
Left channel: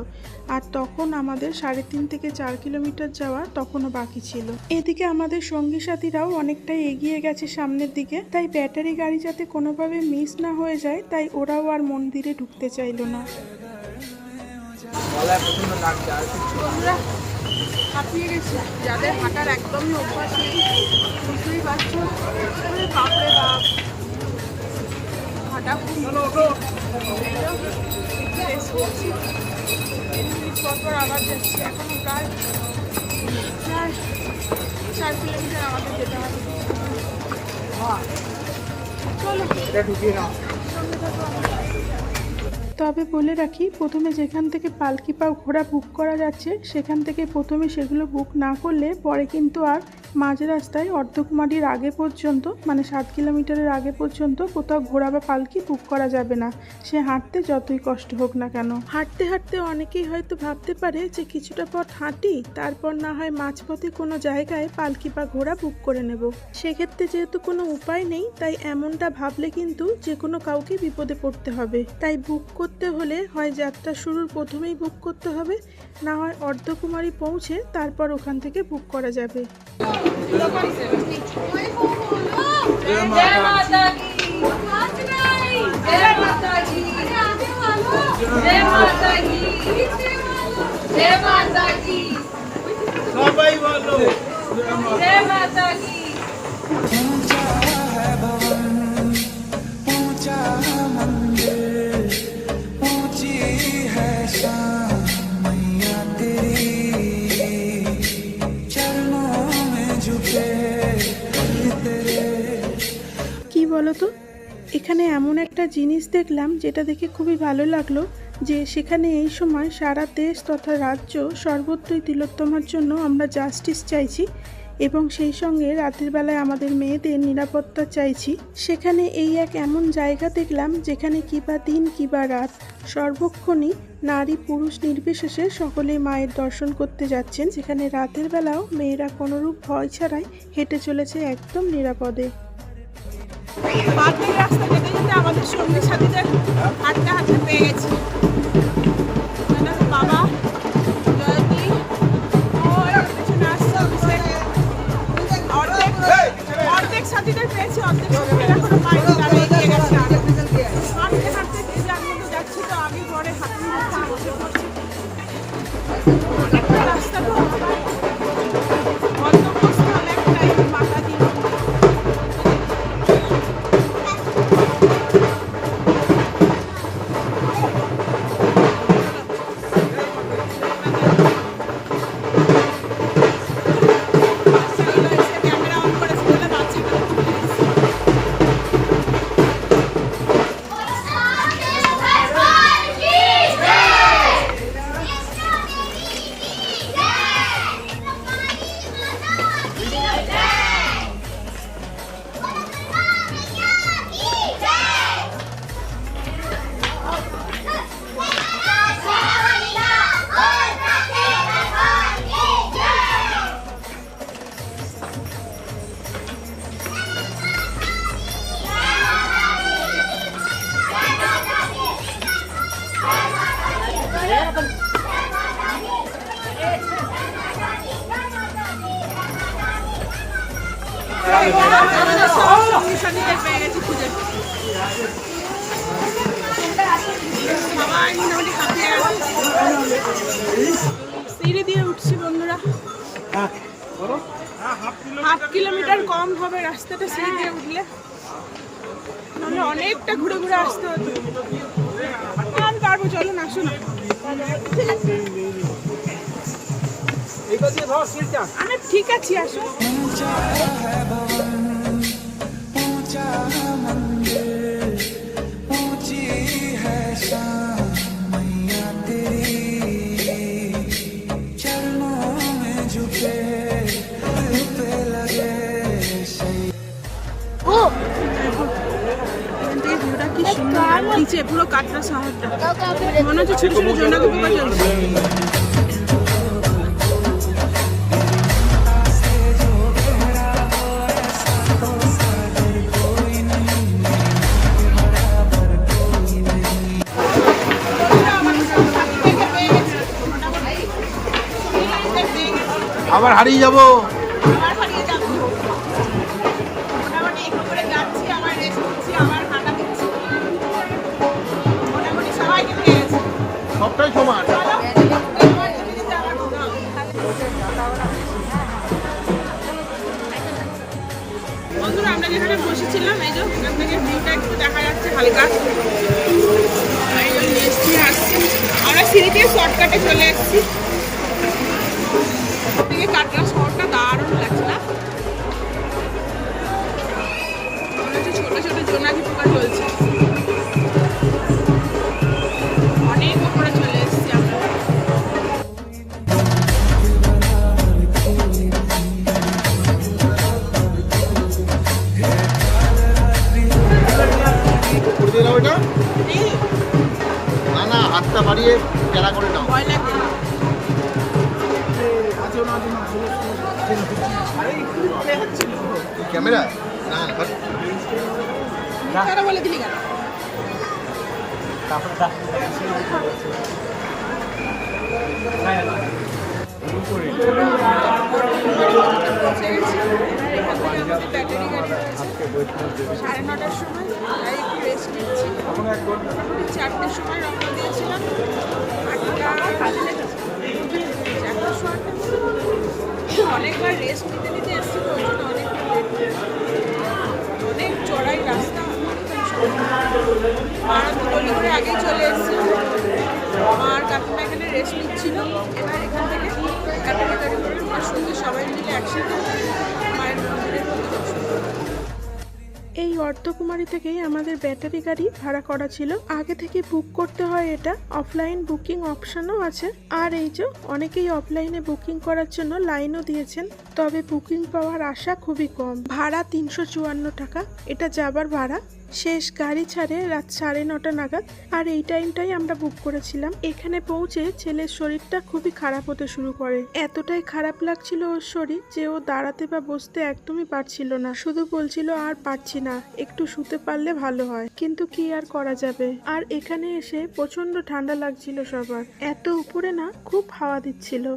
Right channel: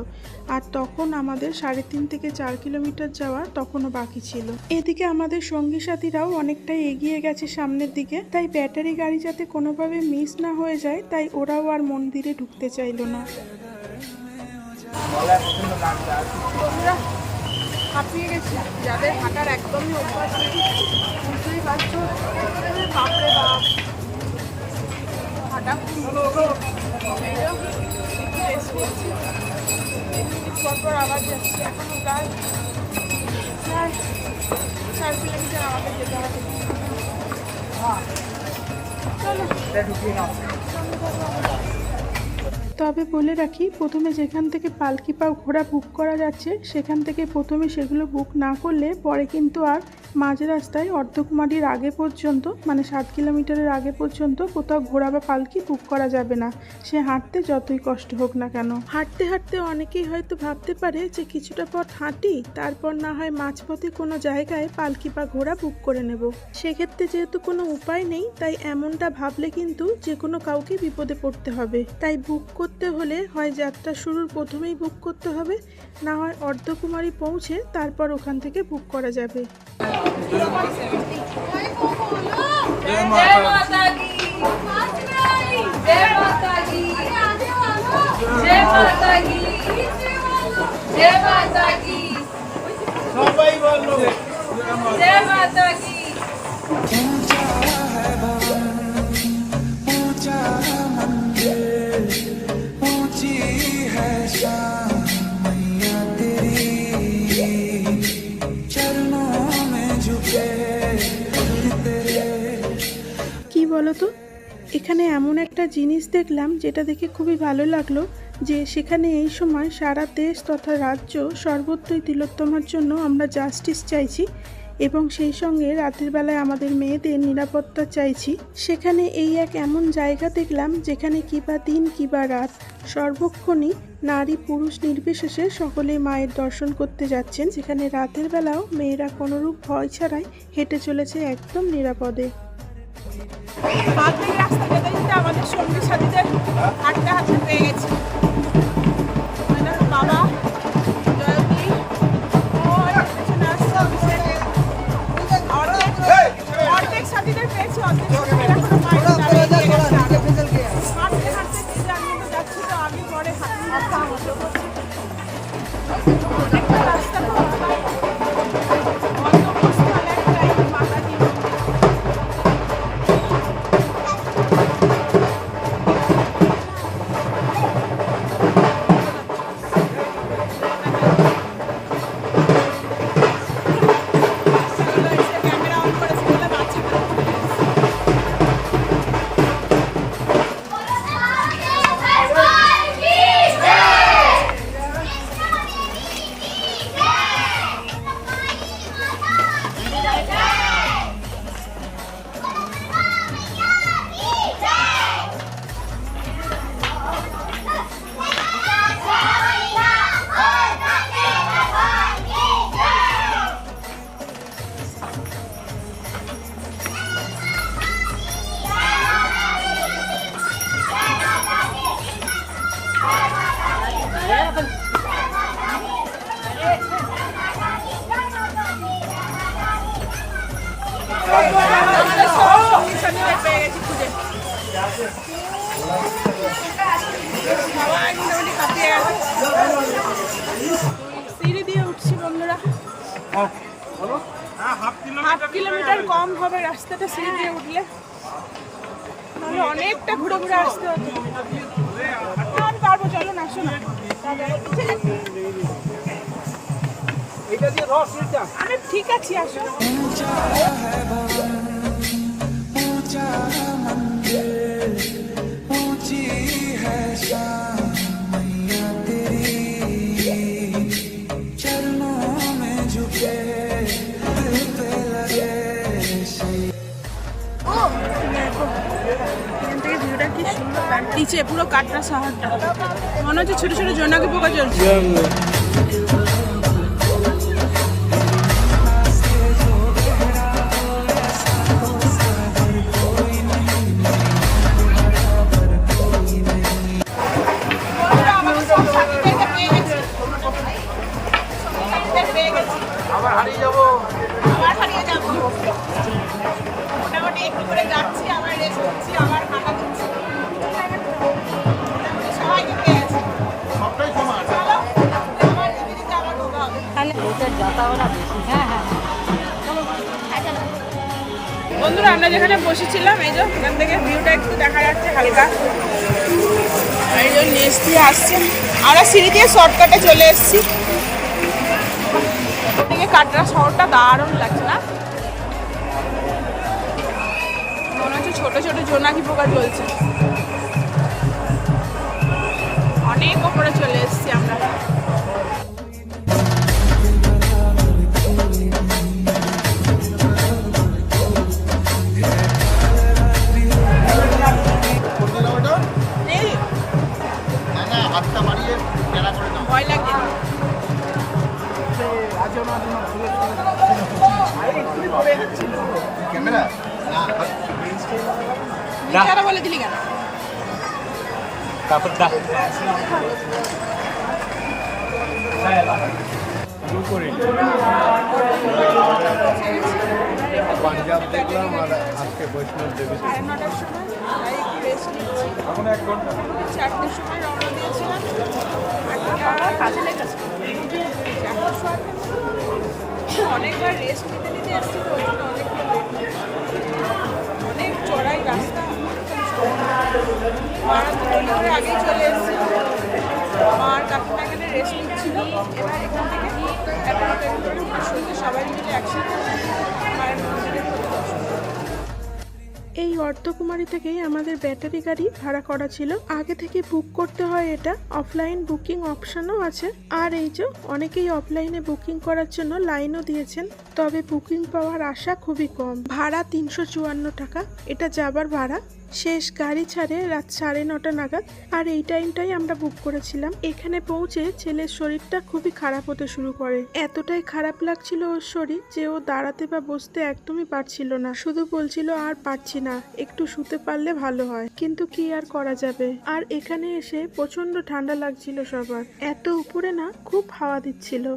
আর তখন আমাদের 3.5 থেকে 4 কিলোমিটার যাওয়া তখনও বাকি ছিল। এদিকে আমাদের সঙ্গী সাথীরাও অনেকটাই এগিয়ে গেছে সামনের দিকে, তাই ব্যাটারি গাড়ি যাতে কোনোভাবে মিস না হয়ে যায় তাই ওরাও আর মন্দিরে ঢুকতে চাইলো না। বন্ধুরা হাঁপিয়ে গেছি, যাদের হাঁটার একদমই অভ্যাস নেই বুঝতেই পারছো। ওরে বাপরে বাপ, হাঁটা খুব মুশকিল। যাই হোক, একটু রেস্ট নিচ্ছি, 10 মিনিট পর পর আবার যাচ্ছি। এখনো প্রায় 4 কিলোমিটার আমাদের যেতে হবে। চলো সঙ্গে থাকো আমাদের। তবে বলে রাখি, প্রথমে যেখান থেকে পালকি পা ঘোড়া বুক করা যাচ্ছে সেখান থেকে প্রথমে সেগুলো বুক না করলে পরে কিন্তু আর মাঝ রাস্তায় অর্ধকুমারীর আগে পর্যন্ত, মানে 7 কিলোমিটারের আগে পর্যন্ত কোথাও ঘোড়া বা পালকি বুক করা যাবে না, সে হাঁটতে যতই কষ্ট হোক না কেন। হাঁটতে হাঁটতে অনেকেই হয়তো ভাবতে পারে যে কিছুটা পথ হাঁটি, তারপর না হয় মাঝপথে কোনো জায়গায় পালকি বা ঘোড়া বুক করে নেব। সেক্ষেত্রে যেহেতু কোনো উপায় নেই, তাই এমনটা ভাবলে কিন্তু যে কোনো কাউকে বিপদে পড়তে হবে। তাই বুক করতে হলে হয় যাত্রা শুরুর প্রথমেই বুক করতে হবে, না হয় অর্ধকুমারী পৌঁছে তারপর ওখান থেকে বুক করা যাবে। जय माता दी, जय माता दी, जय माता दी, जय माता दी, সবাই বলো जय माता दी। ऊंचा है भवन, ऊंचा मंदिर, ऊंची है शान मैया तेरी, चरणों में झुके तेरे। কি বলতো, এখানে এমন একটা জিনিস দেখলাম যেটা দেখে খুবই ভালো লাগলো, যে সেখানে এই সময় সারা দেশ তথা রাজ্য সর্বত্রই তিলোত্তমার জন্য আমরা জাস্টিস চাইছি, এবং সেই সঙ্গে রাতের বেলায় আমাদের মেয়েদের নিরাপত্তা চাইছি। সেখানে এই এক এমন জায়গা দেখলাম যেখানে কিবা দিন কিবা রাত সর্বক্ষণই নারী পুরুষ নির্বিশেষে সকলেই মায়ের দর্শন করতে যাচ্ছেন, যেখানে রাতের বেলাও মেয়েরা কোনোরূপ ভয় ছাড়াই হেঁটে চলেছে একদম নিরাপদে। বাদবাকি রাস্তা যেতে যেতে আমাদের সঙ্গী সাথীদের হাঁটতে হাঁটতে পেয়ে গেছি। ওই দেখো বাবা, জয়তী, ওই পেছনে আসছে অভিষেক। অর্ধেক সাথীদের পেয়েছি, অর্ধেক সাথীদের এখনো পাইনি, তারা এগিয়ে গেছে আরো। হাঁটতে হাঁটতে যে যার মতো যাচ্ছি, তো আগে পরে হাঁটতে যাচ্ছি, বসে পড়ছি। অনেকটা রাস্তা তো, গন্তব্যস্থল একটাই, মাতা দি। আমাদের সব সঙ্গী সাথীদের পেয়ে গেছি খুঁজে। সবাই মোটামুটি হাঁপিয়ে গেছে, সিঁড়ি দিয়ে উঠছি বন্ধুরা। 1/2 কিলোমিটার কম হবে রাস্তাটা সিঁড়ি দিয়ে উঠলে, নাহলে অনেকটা ঘুরে ঘুরে আসতে হতো। আমি পারবো, চলো না, আসো না। আমি ঠিক আছি, আসো। ऊंचा है भवन, ऊंचा मंदिर, ऊंची है शान मैया तेरी, चरणों में झुके दिल पे लगे शहीद। দেখো এখান থেকে ভিউটা কি সুন্দর লাগছে, নিচে পুরো কাটরা শহরটা, মনে হচ্ছে ছোট ছোট জোনাকি পোকা চলছে। আবার হারিয়ে যাবো। আবার হারিয়ে যাবো, মোটামুটি একটু করে যাচ্ছি, আবার রেস্ট করছি, আবার হাঁটা দিচ্ছি, মোটামুটি সবাই পেয়ে গেছে। সবটাই সমান। চলো আবার যেতে যেতে আবার কথা হবে। বন্ধুরা আমরা যেখানে বসেছিলাম এই যে এখান থেকে ভিউটা একটু দেখা যাচ্ছে হালকা, এই যে মিষ্টি আসছে, আমরা সিঁড়ি দিয়ে শর্টকাটে চলে এসেছি। থেকে কাটরা শহরটা দারুণ লাগছে না, মনে হচ্ছে ছোট ছোট জোনাকি পোকা চলছে, অনেক ওপরে চলে এসেছি আমরা। করবে না ওটা? এই না না, হাতটা বাড়িয়ে খেলা করে নাও। ভয় লাগছে না, আছে না, আছে না, ছিল, ছিল। আরে একটু পরে যাচ্ছিল। এই ক্যামেরা? না না, হাত। মিথ্যাটা বলে দিলি কেন? বন্ধুরা, আমরা অর্ধকুমারী পর্যন্ত পৌঁছে গেছি। এবার এখান থেকে আমাদের ব্যাটারি গাড়ি রয়েছে 9:30টার সময়, তাই একটু রেস্ট নিচ্ছি। মোটামুটি 4টের সময় রওনা দিয়েছিলাম, 8টা কাছে লেগেছে, 4টা শোয়ার অনেকবার রেস্ট নিতে নিতে এসেছি, তো ওই জন্য অনেকটা লেট, অনেক চড়াই রাস্তা। মারা দুটোলি করে আগেই চলে এসেছি, মা আর কাকিমা এখানে রেস্ট নিচ্ছিল। এবার এখান থেকে ব্যাটারি গাড়ি করে আমরা সোজা সবাই মিলে একসাথে মায়ের মন্দিরের প্রতি দর্শন করব। এই অর্ধকুমারী থেকেই আমাদের ব্যাটারি গাড়ি ভাড়া করা ছিল, আগে থেকে বুক করতে হয়, এটা অফলাইন বুকিং অপশনও আছে। আর এই যে অনেকেই অফলাইনে বুকিং করার জন্য লাইনও দিয়েছেন, তবে বুকিং পাওয়ার আশা খুবই কম। ভাড়া 354 টাকা, এটা যাবার ভাড়া। শেষ গাড়ি ছাড়ে রাত 9:30 নাগাদ, আর এই টাইমটাই আমরা বুক করেছিলাম। এখানে পৌঁছে ছেলের শরীরটা খুবই খারাপ হতে শুরু করে, এতটাই খারাপ লাগছিল ওর শরীর যে ও দাঁড়াতে বা বসতে একদমই পারছিল না, শুধু বলছিল আর পারছি না, একটু শুতে পারলে ভালো হয়, কিন্তু কি আর করা যাবে। আর এখানে এসে প্রচন্ড ঠান্ডা লাগছিল সবার, এত উপরে না খুব হাওয়া দিচ্ছিল।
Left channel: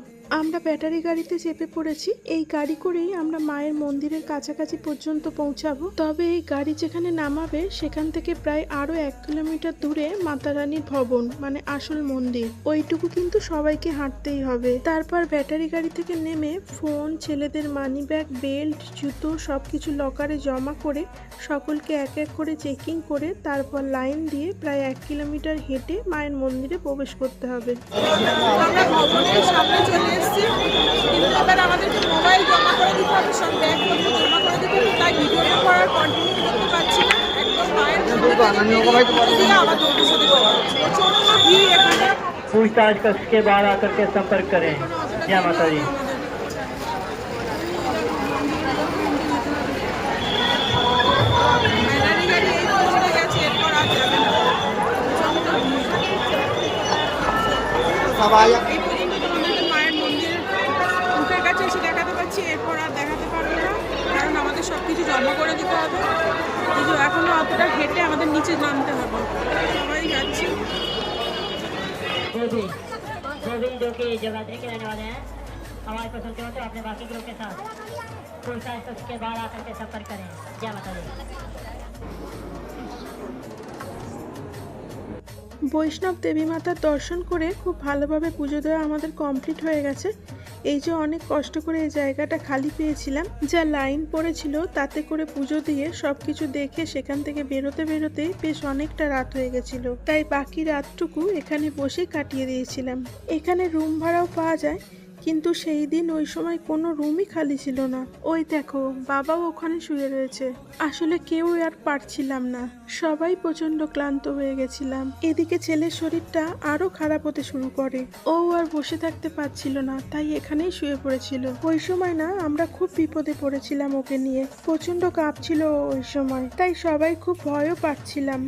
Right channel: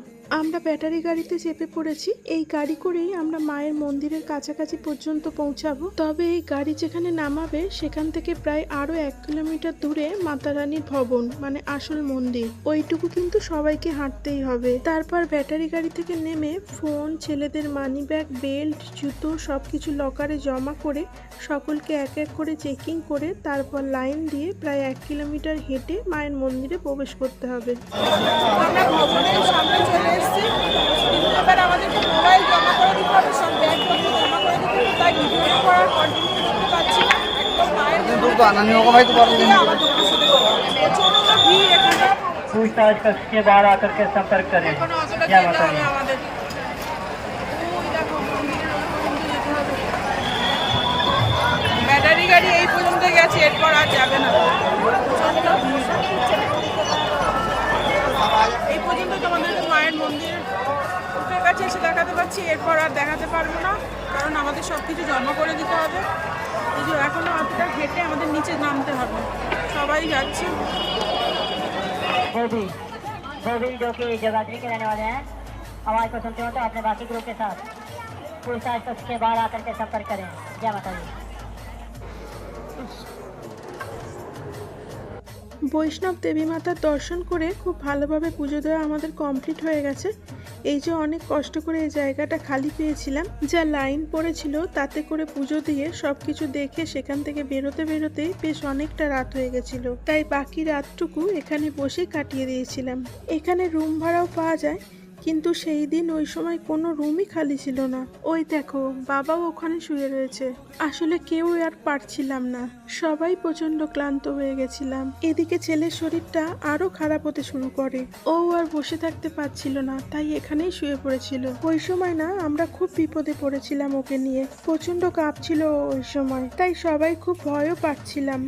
আমরা ব্যাটারি গাড়িতে চেপে পড়েছি, এই গাড়ি করেই আমরা মায়ের মন্দিরের কাছাকাছি পর্যন্ত পৌঁছাবো। তবে এই গাড়ি যেখানে নামাবে সেখান থেকে প্রায় আরো 1 কিলোমিটার দূরে মাতা রানীর ভবন, মানে আসল মন্দির, ওইটুকু কিন্তু সবাইকে হাঁটতেই হবে। তারপর ব্যাটারি গাড়ি থেকে নেমে ফোন, ছেলেদের মানি ব্যাগ, বেল্ট, জুতো সবকিছু লকারে জমা করে সকলকে এক এক করে চেকিং করে তারপর লাইন দিয়ে প্রায় 1 কিলোমিটার হেঁটে মায়ের মন্দিরে প্রবেশ করতে হবে। আমরা ভবনের সামনে চলে এসেছি, কিন্তু এবার আমাদেরকে মোবাইল জমা করে দিতে হবে, সব ব্যাগপত্র জমা করে দিতে হবে, তাই ভিডিওটা করার কন্টিনিউ করতে পারছি না। একদম মায়ের মন্দির থেকে বেরিয়ে দিয়ে আবার তোমাদের সাথে কথা হচ্ছে। প্রচন্ড ভিড় এখানে, पूछताछ के बाद आकर के संपर्क करें। এখনো অতটা जय যেতে माता হবে दी। আমাদের। ওই দেখো মন্দিরের ওই পর্যন্ত যেতে হবে, ব্যাটারি গাড়ি এই পর্যন্ত গেছে, এরপর আর যাবে না, প্রচন্ড ভিড়। এই পর্যন্ত তোমাদেরকে মায়ের মন্দিরের মুখের কাছে এসে দেখাতে পাচ্ছি, এরপর আর দেখাতে পারবো না, কারণ আমাদের সব কিছু জমা করে দিতে হবে। এই যে এখনো অতটা হেঁটে আমাদের নিচে নামতে হবে, সবাই যাচ্ছি। जो कि जगाधरी के रहने वाले हैं, आवाज को सुनते हो तो अपने बाकी ग्रुप के साथ पूछताछ के बाद आकर के संपर्क करें। जय माता दी। বৈষ্ণব দেবী মাতার দর্শন করে খুব ভালোভাবে পুজো দেওয়া আমাদের কমপ্লিট হয়ে গেছে। এই যে অনেক কষ্ট করে এই জায়গাটা খালি পেয়েছিলাম, যা লাইন পড়েছিল তাতে করে পুজো দিয়ে সবকিছু দেখে সেখান থেকে বেরোতে বেরোতেই বেশ অনেকটা রাত হয়ে গেছিল, তাই বাকি রাতটুকু এখানে বসে কাটিয়ে দিয়েছিলাম। এখানে রুম ভাড়াও পাওয়া যায়, কিন্তু সেই দিন ওই সময় কোনো রুমই খালি ছিল না। ওই দেখো বাবাও ওখানে শুয়ে রয়েছে। আসলে কেউ আর পারছিলাম না, সবাই প্রচন্ড ক্লান্ত হয়ে গেছিলাম। এদিকে ছেলের শরীরটা আরো খারাপ হতে শুরু করে, ও আর বসে থাকতে পারছিল না, তাই এখানেই শুয়ে পড়েছিল। ওই সময় না আমরা খুব বিপদে পড়েছিলাম ওকে নিয়ে, প্রচন্ড কাঁপছিল ও ওই সময়, তাই সবাই খুব ভয়ও পাচ্ছিলাম।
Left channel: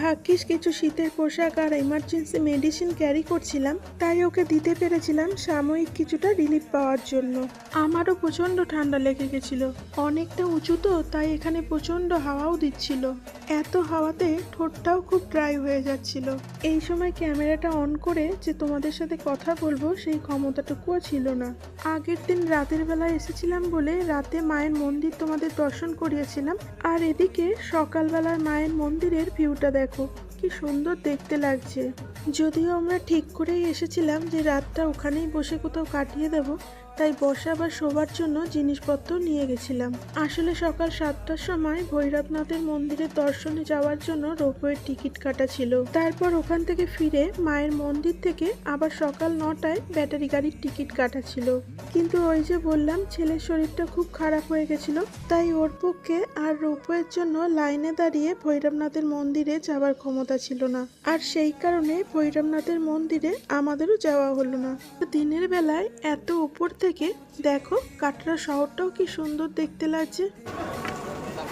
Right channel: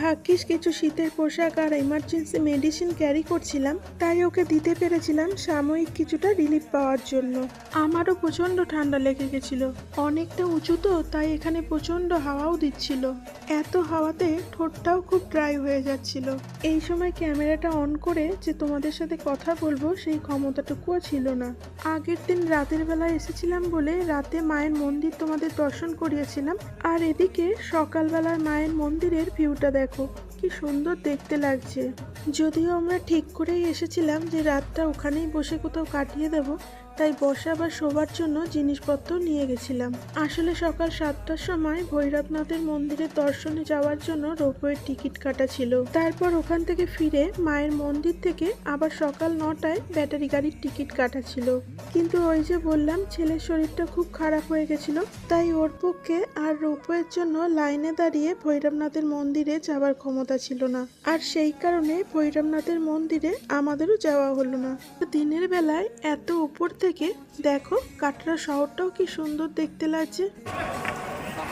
ভাগ্যিস কিছু শীতের পোশাক আর এমার্জেন্সি মেডিসিন ক্যারি করছিলাম, তাই ওকে দিতে পেরেছিলাম সাময়িক কিছুটা রিলিফ পাওয়ার জন্য। আমারও প্রচন্ড ঠান্ডা লেগে গেছিল, অনেকটা উঁচু তো, তাই এখানে প্রচন্ড হাওয়াও দিচ্ছিল। এত হাওয়াতে ঠোঁটটাও খুব ড্রাই হয়ে যাচ্ছিল। এই সময় ক্যামেরাটা অন করে যে তোমাদের সাথে কথা বলবো সেই ক্ষমতাটুকুও ছিল না। আগের দিন রাতের বেলা এসেছিলাম বলে রাতে মায়ের মন্দির তোমাদের দর্শন করিয়েছিলাম, আর এদিকে সকালবেলার মায়ের মন্দিরের ভিউটা দেখো কি সুন্দর দেখতে লাগছে। যদিও আমরা ঠিক করেই এসেছিলাম যে রাতটা ওখানেই বসে কোথাও কাটিয়ে দেব, তাই বসা বা শোবার জন্য জিনিসপত্র নিয়ে গেছিলাম। আসলে সকাল 7টার সময় ভৈরবনাথের মন্দিরের দর্শনে যাওয়ার জন্য রোপওয়ের টিকিট কাটা ছিল। তারপর ওখান থেকে ফিরে মায়ের মন্দির থেকে আবার সকাল 9টায় ব্যাটারি গাড়ির টিকিট কাটা ছিল। কিন্তু ওই যে বললাম ছেলের শরীরটা খুব খারাপ হয়ে গেছিল, তাই ওর পক্ষে আর রোপওয়ের জন্য লাইনে দাঁড়িয়ে ভৈরবনাথের মন্দিরে যাওয়ার ক্ষমতা ছিল না, আর সেই কারণে ভৈরবনাথের মন্দিরে আমাদেরও যাওয়া হলো না। দিনের বেলায় এত উপর থেকে দেখো কাটরা শহরটাও কি সুন্দর দেখতে লাগছে।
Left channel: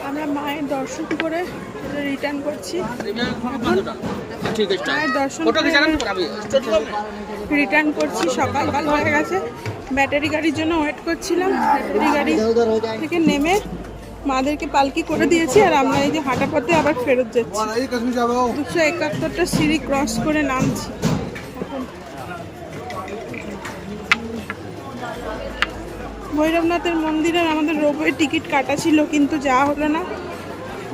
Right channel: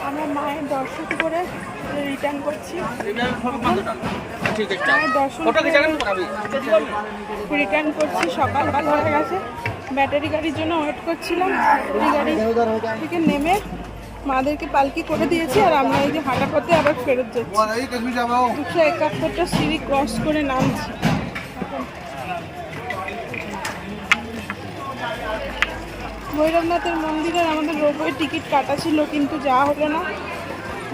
আমরা মায়ের দর্শন করে রিটার্ন করছি। মায়ের দর্শন রিটার্ন করছি, সকাল হয়ে গেছে। ব্যাটারি গাড়ির জন্য ওয়েট করছিলাম। ব্যাটারি গাড়ি থেকে নেমে মাদেরকে পালকি করে দিয়েছি, আর আমরা এই যে হাঁটা পথে আবার ফেরত যাচ্ছি। 271টা সিঁড়ি ক্রস করে নামছি। এখন ভৈরবনাথের মন্দিরের আমাদের রোপওয়ে টিকিট কাটা ছিল, কিন্তু যাওয়া হলো না।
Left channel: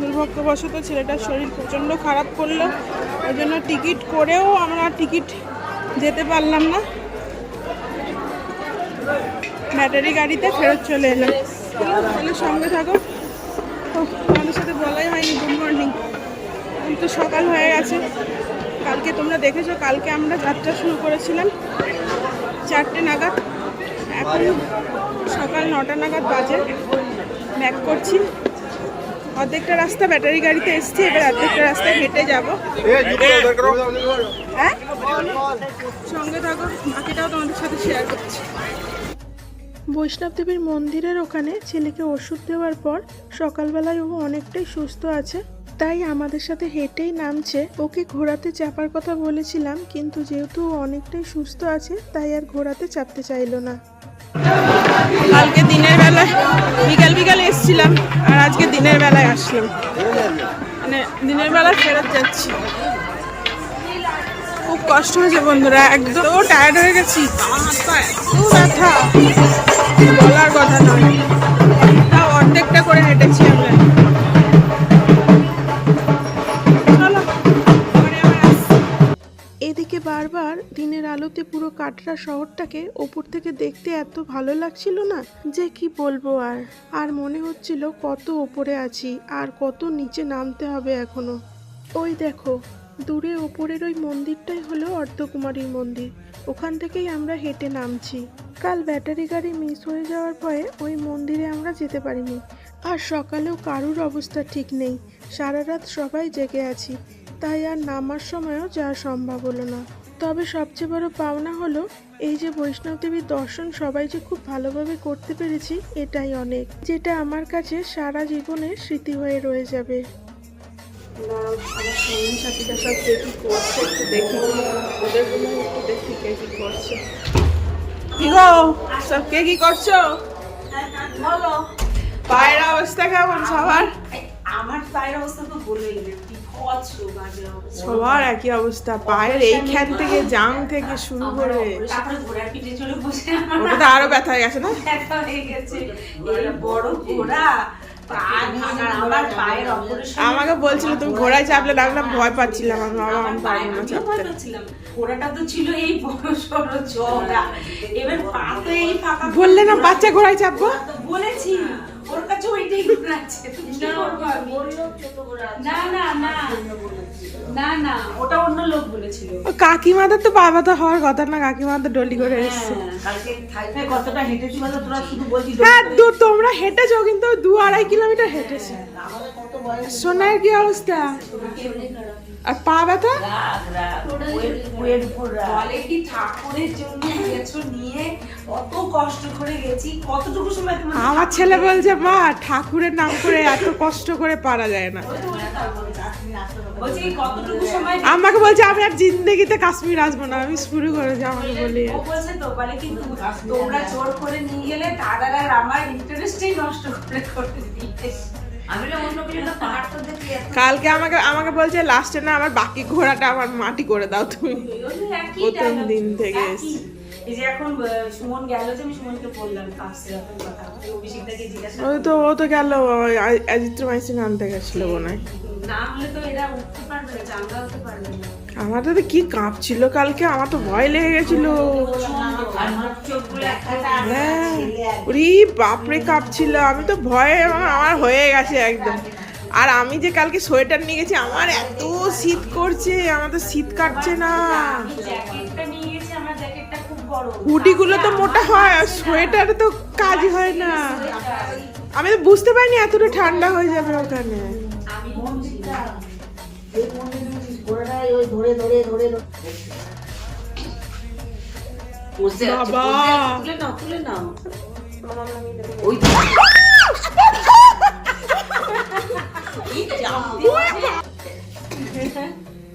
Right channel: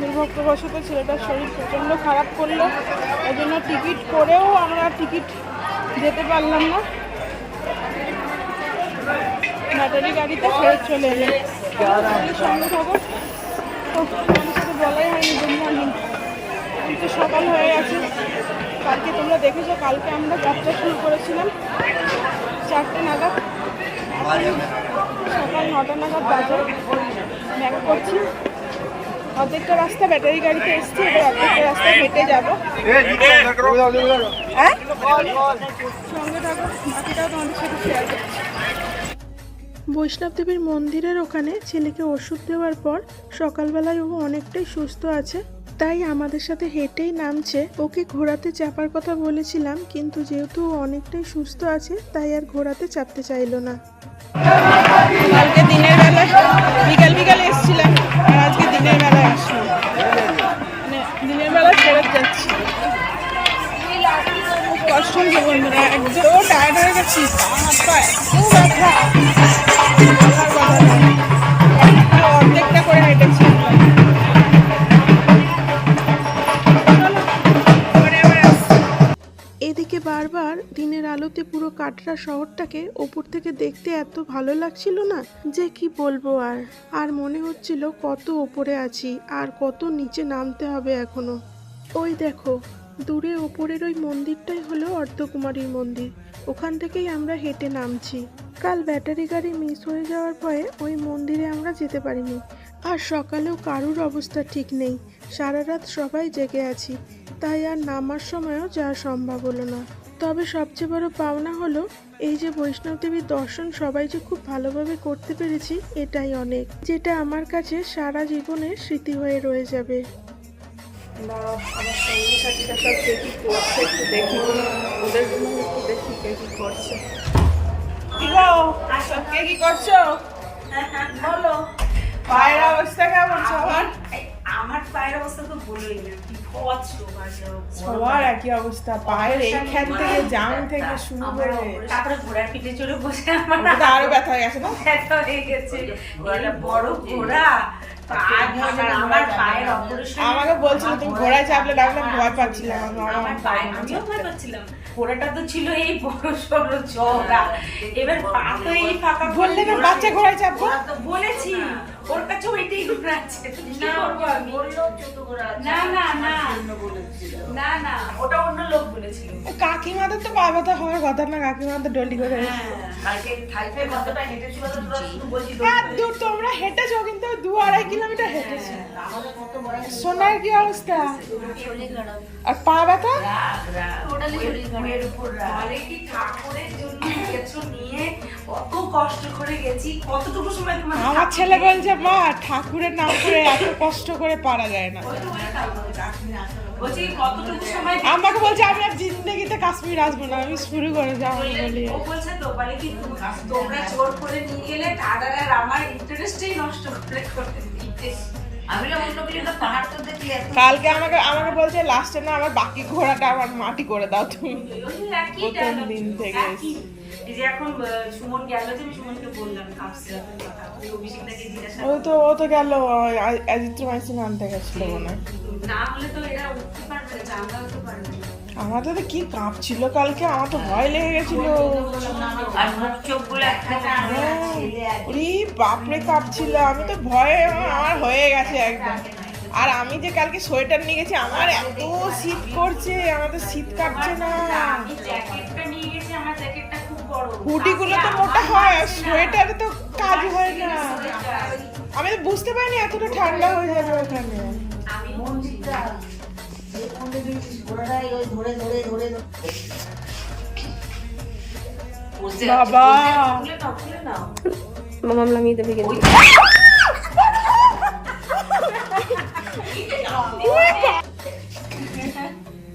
দুর্ভাগ্যবশত ছেলেটার শরীর প্রচণ্ড খারাপ করলো, ওই জন্য টিকিট করেও আমরা যেতে পারলাম না। ব্যাটারি গাড়িতে ফেরত চলে এলাম। তাহলে সঙ্গে থাকো। ও তোমাদের সাথে বলাই হয়নি গুড মর্নিং। তো সকাল হয়ে গেছে। কালকে তোমরা দেখেছো, কালকে আমরা যাত্রা শুরু করেছিলাম 4টে নাগাদ। এখন সকাল 9টা নাগাদ বাজে। ব্যাক করছি। অর্ধেকটা রাস্তা ব্যাটারি গাড়িতে এসছি, এবার অর্ধেকটা রাস্তায় হেঁটে যাবো। হ্যাঁ, সঙ্গে থাকো, বাকিটাও তোমাদের সাথে শেয়ার করছি। বৈষ্ণব দেবীর মন্দিরের ওখানে ছেলেকে ওষুধ দেওয়ার পর সকালবেলায় ও অনেকটাই সুস্থ আছে, তাই আমাদের সাথে হেঁটেই নামছে। ওকে ঘোড়াতে চাপার কথা বলেছিলাম, কিন্তু যেহেতু ও অনেকটাই সুস্থ আছে তাই আর ঘোড়াতে চাপতে চাইলো না। কালকে দিনের বেলায় বিকাল এসেছিলাম, আর আজকে দিনের বেলায় আসলাম। মানে দিনের বেলায় ফেরত যাচ্ছি। খুব কষ্ট হয়েছে বন্ধুরা, একদম টায়ার্ড হয়ে গেছি। হাত পা এত ব্যথা, বলার কথা নয়। তাও অর্ধেকটা করে হেঁটেছি আমরা। চলো, পরে আবার আসছি। এদিকে বারবার দিনের আলোতে পুরো কাটরা শহরটাকে ওপর থেকে দেখতে এত ভালো লাগছিল না যে কি বলবো। আর মনে হচ্ছিল কত ওপরে আছি আর কত নিচে নামতে হবে এখনো। ওই দেখো দূরে ওপরের ওই মন্দিরটাই হলো অর্ধকুমারীর মন্দির, ওখান থেকেই আমরা হেঁটে নামছি। কাল ব্যাটারি গাড়ি মিস হয়ে যাওয়ার ভয়ে ওই মন্দিরে আমরা যেতে পারিনি, আর সকালেও কারুর অবস্থা ঠিক নেই। সারা রাত সবাই জেগে আছি, তাই আর নামার সময়ও যাওয়া সম্ভব হলো না। তবে সবচেয়ে বড় পাওনা হলো এই যে বৈষ্ণব দেবীর দর্শন সবাই যে খুব ভালোভাবে করতে পেরেছি, এটাই অনেক, যেটা আমার কাছে সারা জীবনের স্মৃতি হয়ে রয়ে যাবে। আমার সঙ্গী সাথীরা সব কে কি করছে একটু দেখি, ওদের রুমে একটু দেখি কে কি করছে। কি গো, সব কে কি করছো? পায়ের অবস্থা কেমন সবার? আমার পায়ের অবস্থা তো বলোই না, বাজে অবস্থা। সবার একই অবস্থা, পায়ের এইখান থেকে জাং থেকে শুরু করে তারপরে ঘোড়ার পিঠে চড়ে বসে আমার ওটা তো আরো ব্যথা হয়ে গেছে না? ব্যথা হয়ে গেছে। এই বড় ঘোড়া আমার পায়ের অপারেশন। আমাকে বলছিল তুমি ঘোড়ায় চাপলে, ডাকলাম ভয় পাচ্ছিলাম, আমি বাবা আমি পারবো না ভয় চাপতে। পাচ্ছিলাম। ঘোড়াটা তো ছিল এই বড় সড়ো চওড়া, এবার পা তো এই ফাঁকা। বললে না বাচ্চা ঘোড়ায় চাপবো? বলেছি ওর কাছে ওইটাই ঘোড়া আছে, তুমি কি করবো আমি? না না না না না, ওটা অন্য লোক বলেছিল। কাকিমাদের তো পা ব্যথা হওয়ার কথা না, কাকিমাদের ডলি করে এসছে। কালকে থাইতে কতটা হেঁটেছিল না, তোরা শুধু বলছিস হ্যাঁ তোমরা হেঁটেছো, কিন্তু 2-2.5 কিলোমিটার হেঁটেছে। সোনার কি অবস্থা? আর পা ব্যথা? বলে কি ঠাকুরের জন্য গেছো নিয়ে, কত কষ্ট করে গেছি, কতটুকু সময় তোমার আমার ছেলে বলছে মা ঠাকুরের নাম করে এত কষ্ট করে পারা যায় না। বলছি কতটুকু সময় আমাকে বলছে আমি আর জিন্দগিতে কাশ্মীর আসবো না, আমি শুরু করেছি আমাকে বলি। ও বলছে তো, বলে কি তোমরা জোর করে নিয়ে গেলে দাদার আর আমার ইন্টারেস্টই নষ্ট করে দিতে। আমি বললাম অন্য কিছু না, পাহাড় তো দেখি এত কালকে আমাকে বলছে লাস্টে না আমার বাকি ঘোড়াটা আমার মাটি করে দাও তুমি। প্রথম দিন থেকে এসছি। এই যে এখন সুমন গেল, যে আমি সুমনকে বললাম কাছে অভিষেকটাকে জিজ্ঞাসা ও তো গেল অ্যাজিথ্রোমাইসিন আনতে গেছিল মনে হয়। না হলে তো এরা উঠতে পারবে না, আমরা উঠতে পারবে না। আমাদের তো কি কাঁপছিল কালকে, আমার তো ভয় লেগে গেছিল। আর মুখ চোখগুলো একদম হ্যাঁ ওরে বাপরে কাঁপছিল, আমি তো ভয়ে আমার হয়ে গেছে একদম। আর আমি যে কালকে সোয়েটার নিয়ে গেছি, আমার এত শীত করছে, আমার তো শীত কাটছে না। জ্যাকেটটা নিয়ে গেছি, আমার জ্যাকেটটা খুব বড়, হুডিগুলো তো মোটা হয়, আর সোয়েটারে তো কাজ হয় না। আমি তো বুঝতে পারিনি এতটা ঠান্ডা হয়ে যাবে ওখানে। আমি মঞ্জিটা বাবা খুলে নাও মামাম নামিয়ে দেবে।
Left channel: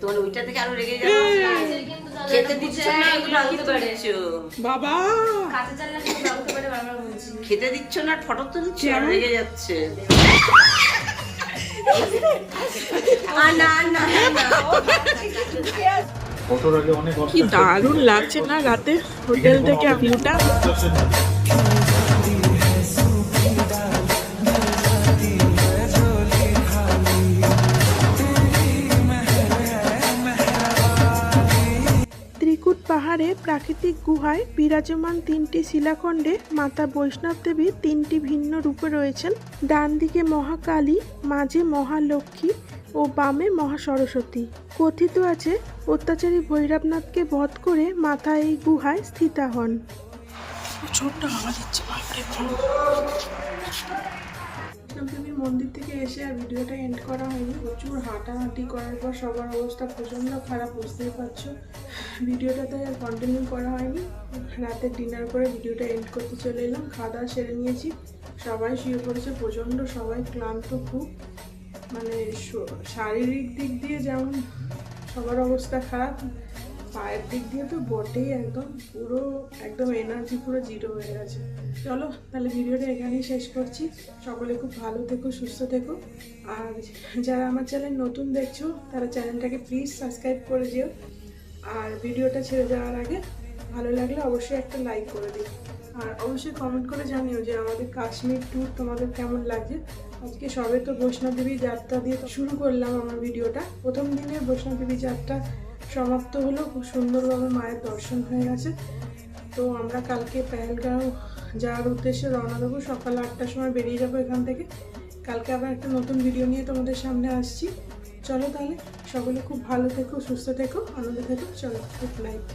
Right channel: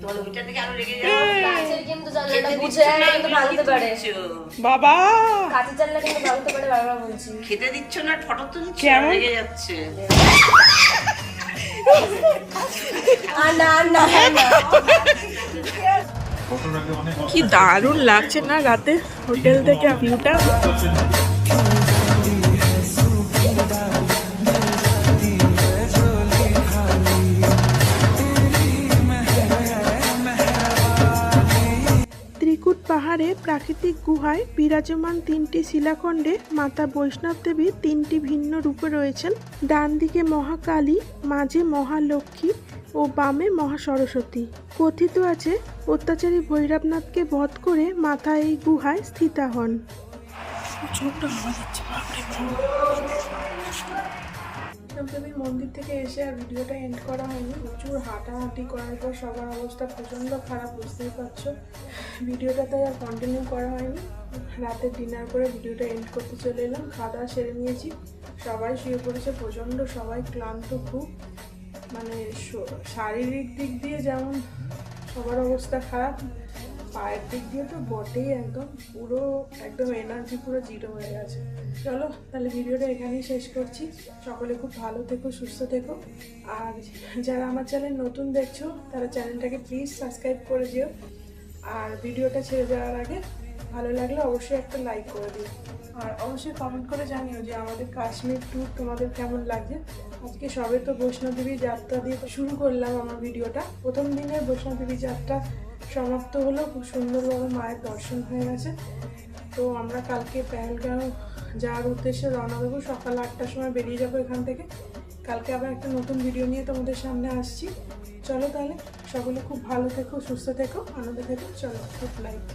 তোর ওইটা থেকে আরো রেগে যাবে। খেতে দিচ্ছ না, ভাঙতে পারে বাবা খেতে দিচ্ছ না, ফটো তুলছ, কেমন? রেগে যাচ্ছে। কি দারুণ লাগছে না রাতে হোটেল থেকে ভিউটা। ত্রিকুট পাহাড়ে প্রাকৃতিক গুহায় বিরাজমান 3টি শিলাখণ্ডে মাতা বৈষ্ণব দেবী 3টি ভিন্ন রূপে রয়েছেন। ডান দিকে মহাকালী, মাঝে মহালক্ষ্মী ও বামে মহা সরস্বতী। কথিত আছে অত্যাচারী ভৈরবনাথকে বধ করে মাতা এই গুহায় স্থিতা হন। প্রচন্ড আওয়াজ হচ্ছে, বাপরে বাপ। বৈষ্ণবদেবীর মন্দির থেকে এসে আর ভিডিওটা এন্ড করা হয়নি। প্রচুর হাঁটাহাঁটি করার পর সবার অবস্থা প্রচণ্ড খারাপ, বুঝতেই পারছো। ভিডিওটা তাই আর কন্টিনিউ করা হয়নি। রাতে ডিনার করে ভিডিওটা এন্ড করতে চলে এলাম। খাওয়া দাওয়া সেরে নিয়েছি, সবাই শুয়ে পড়েছে। প্রচণ্ড সবাই ক্লান্ত খুব, মানে শারীরিক দিক দিয়ে যেমন সবার অবস্থা খারাপ, পায়ের দিক দিয়ে তো বটেই, একদম এনার্জি পুরো জিরো হয়ে গেছে। চলো তাহলে ভিডিওটা এখানেই শেষ করছি। সকলে খুব ভালো থেকো, সুস্থ থেকো। আর যারা আমার চ্যানেল নতুন দেখছো তারা চ্যানেলটাকে প্লিজ সাবস্ক্রাইব করে দিও। আর ভিডিওটা ছেড়ে যাওয়ার আগে ভালো লাগলে অবশ্যই একটা লাইক করে দিও। আর অবশ্যই কমেন্ট করে জানিও যে আমাদের কাশ্মীর ট্যুর তোমাদের কেমন লাগছে। আজকে সবে তো বৈষ্ণবদেবী যাত্রা দিয়ে শুরু করলাম আমার ভিডিওটা। প্রথম দিনে বৈষ্ণবদেবী যাত্রা সমাপ্ত হলো, খুব সুন্দরভাবে মায়ের দর্শন হয়ে গেছে। তো আমরা কালকে পেহেলগাঁও যাওয়ার উদ্দেশ্যে রওনা দেবো। সকাল 8টার সময় বেরিয়ে যাবো এখান থেকে। কালকে আবার একটা নতুন ভিডিও নিয়ে তোমাদের সামনে আসছি। চলো তাহলে সকলে খুব ভালো থেকো, সুস্থ থেকো, আনন্দ থেকো। চলো, গুড নাইট।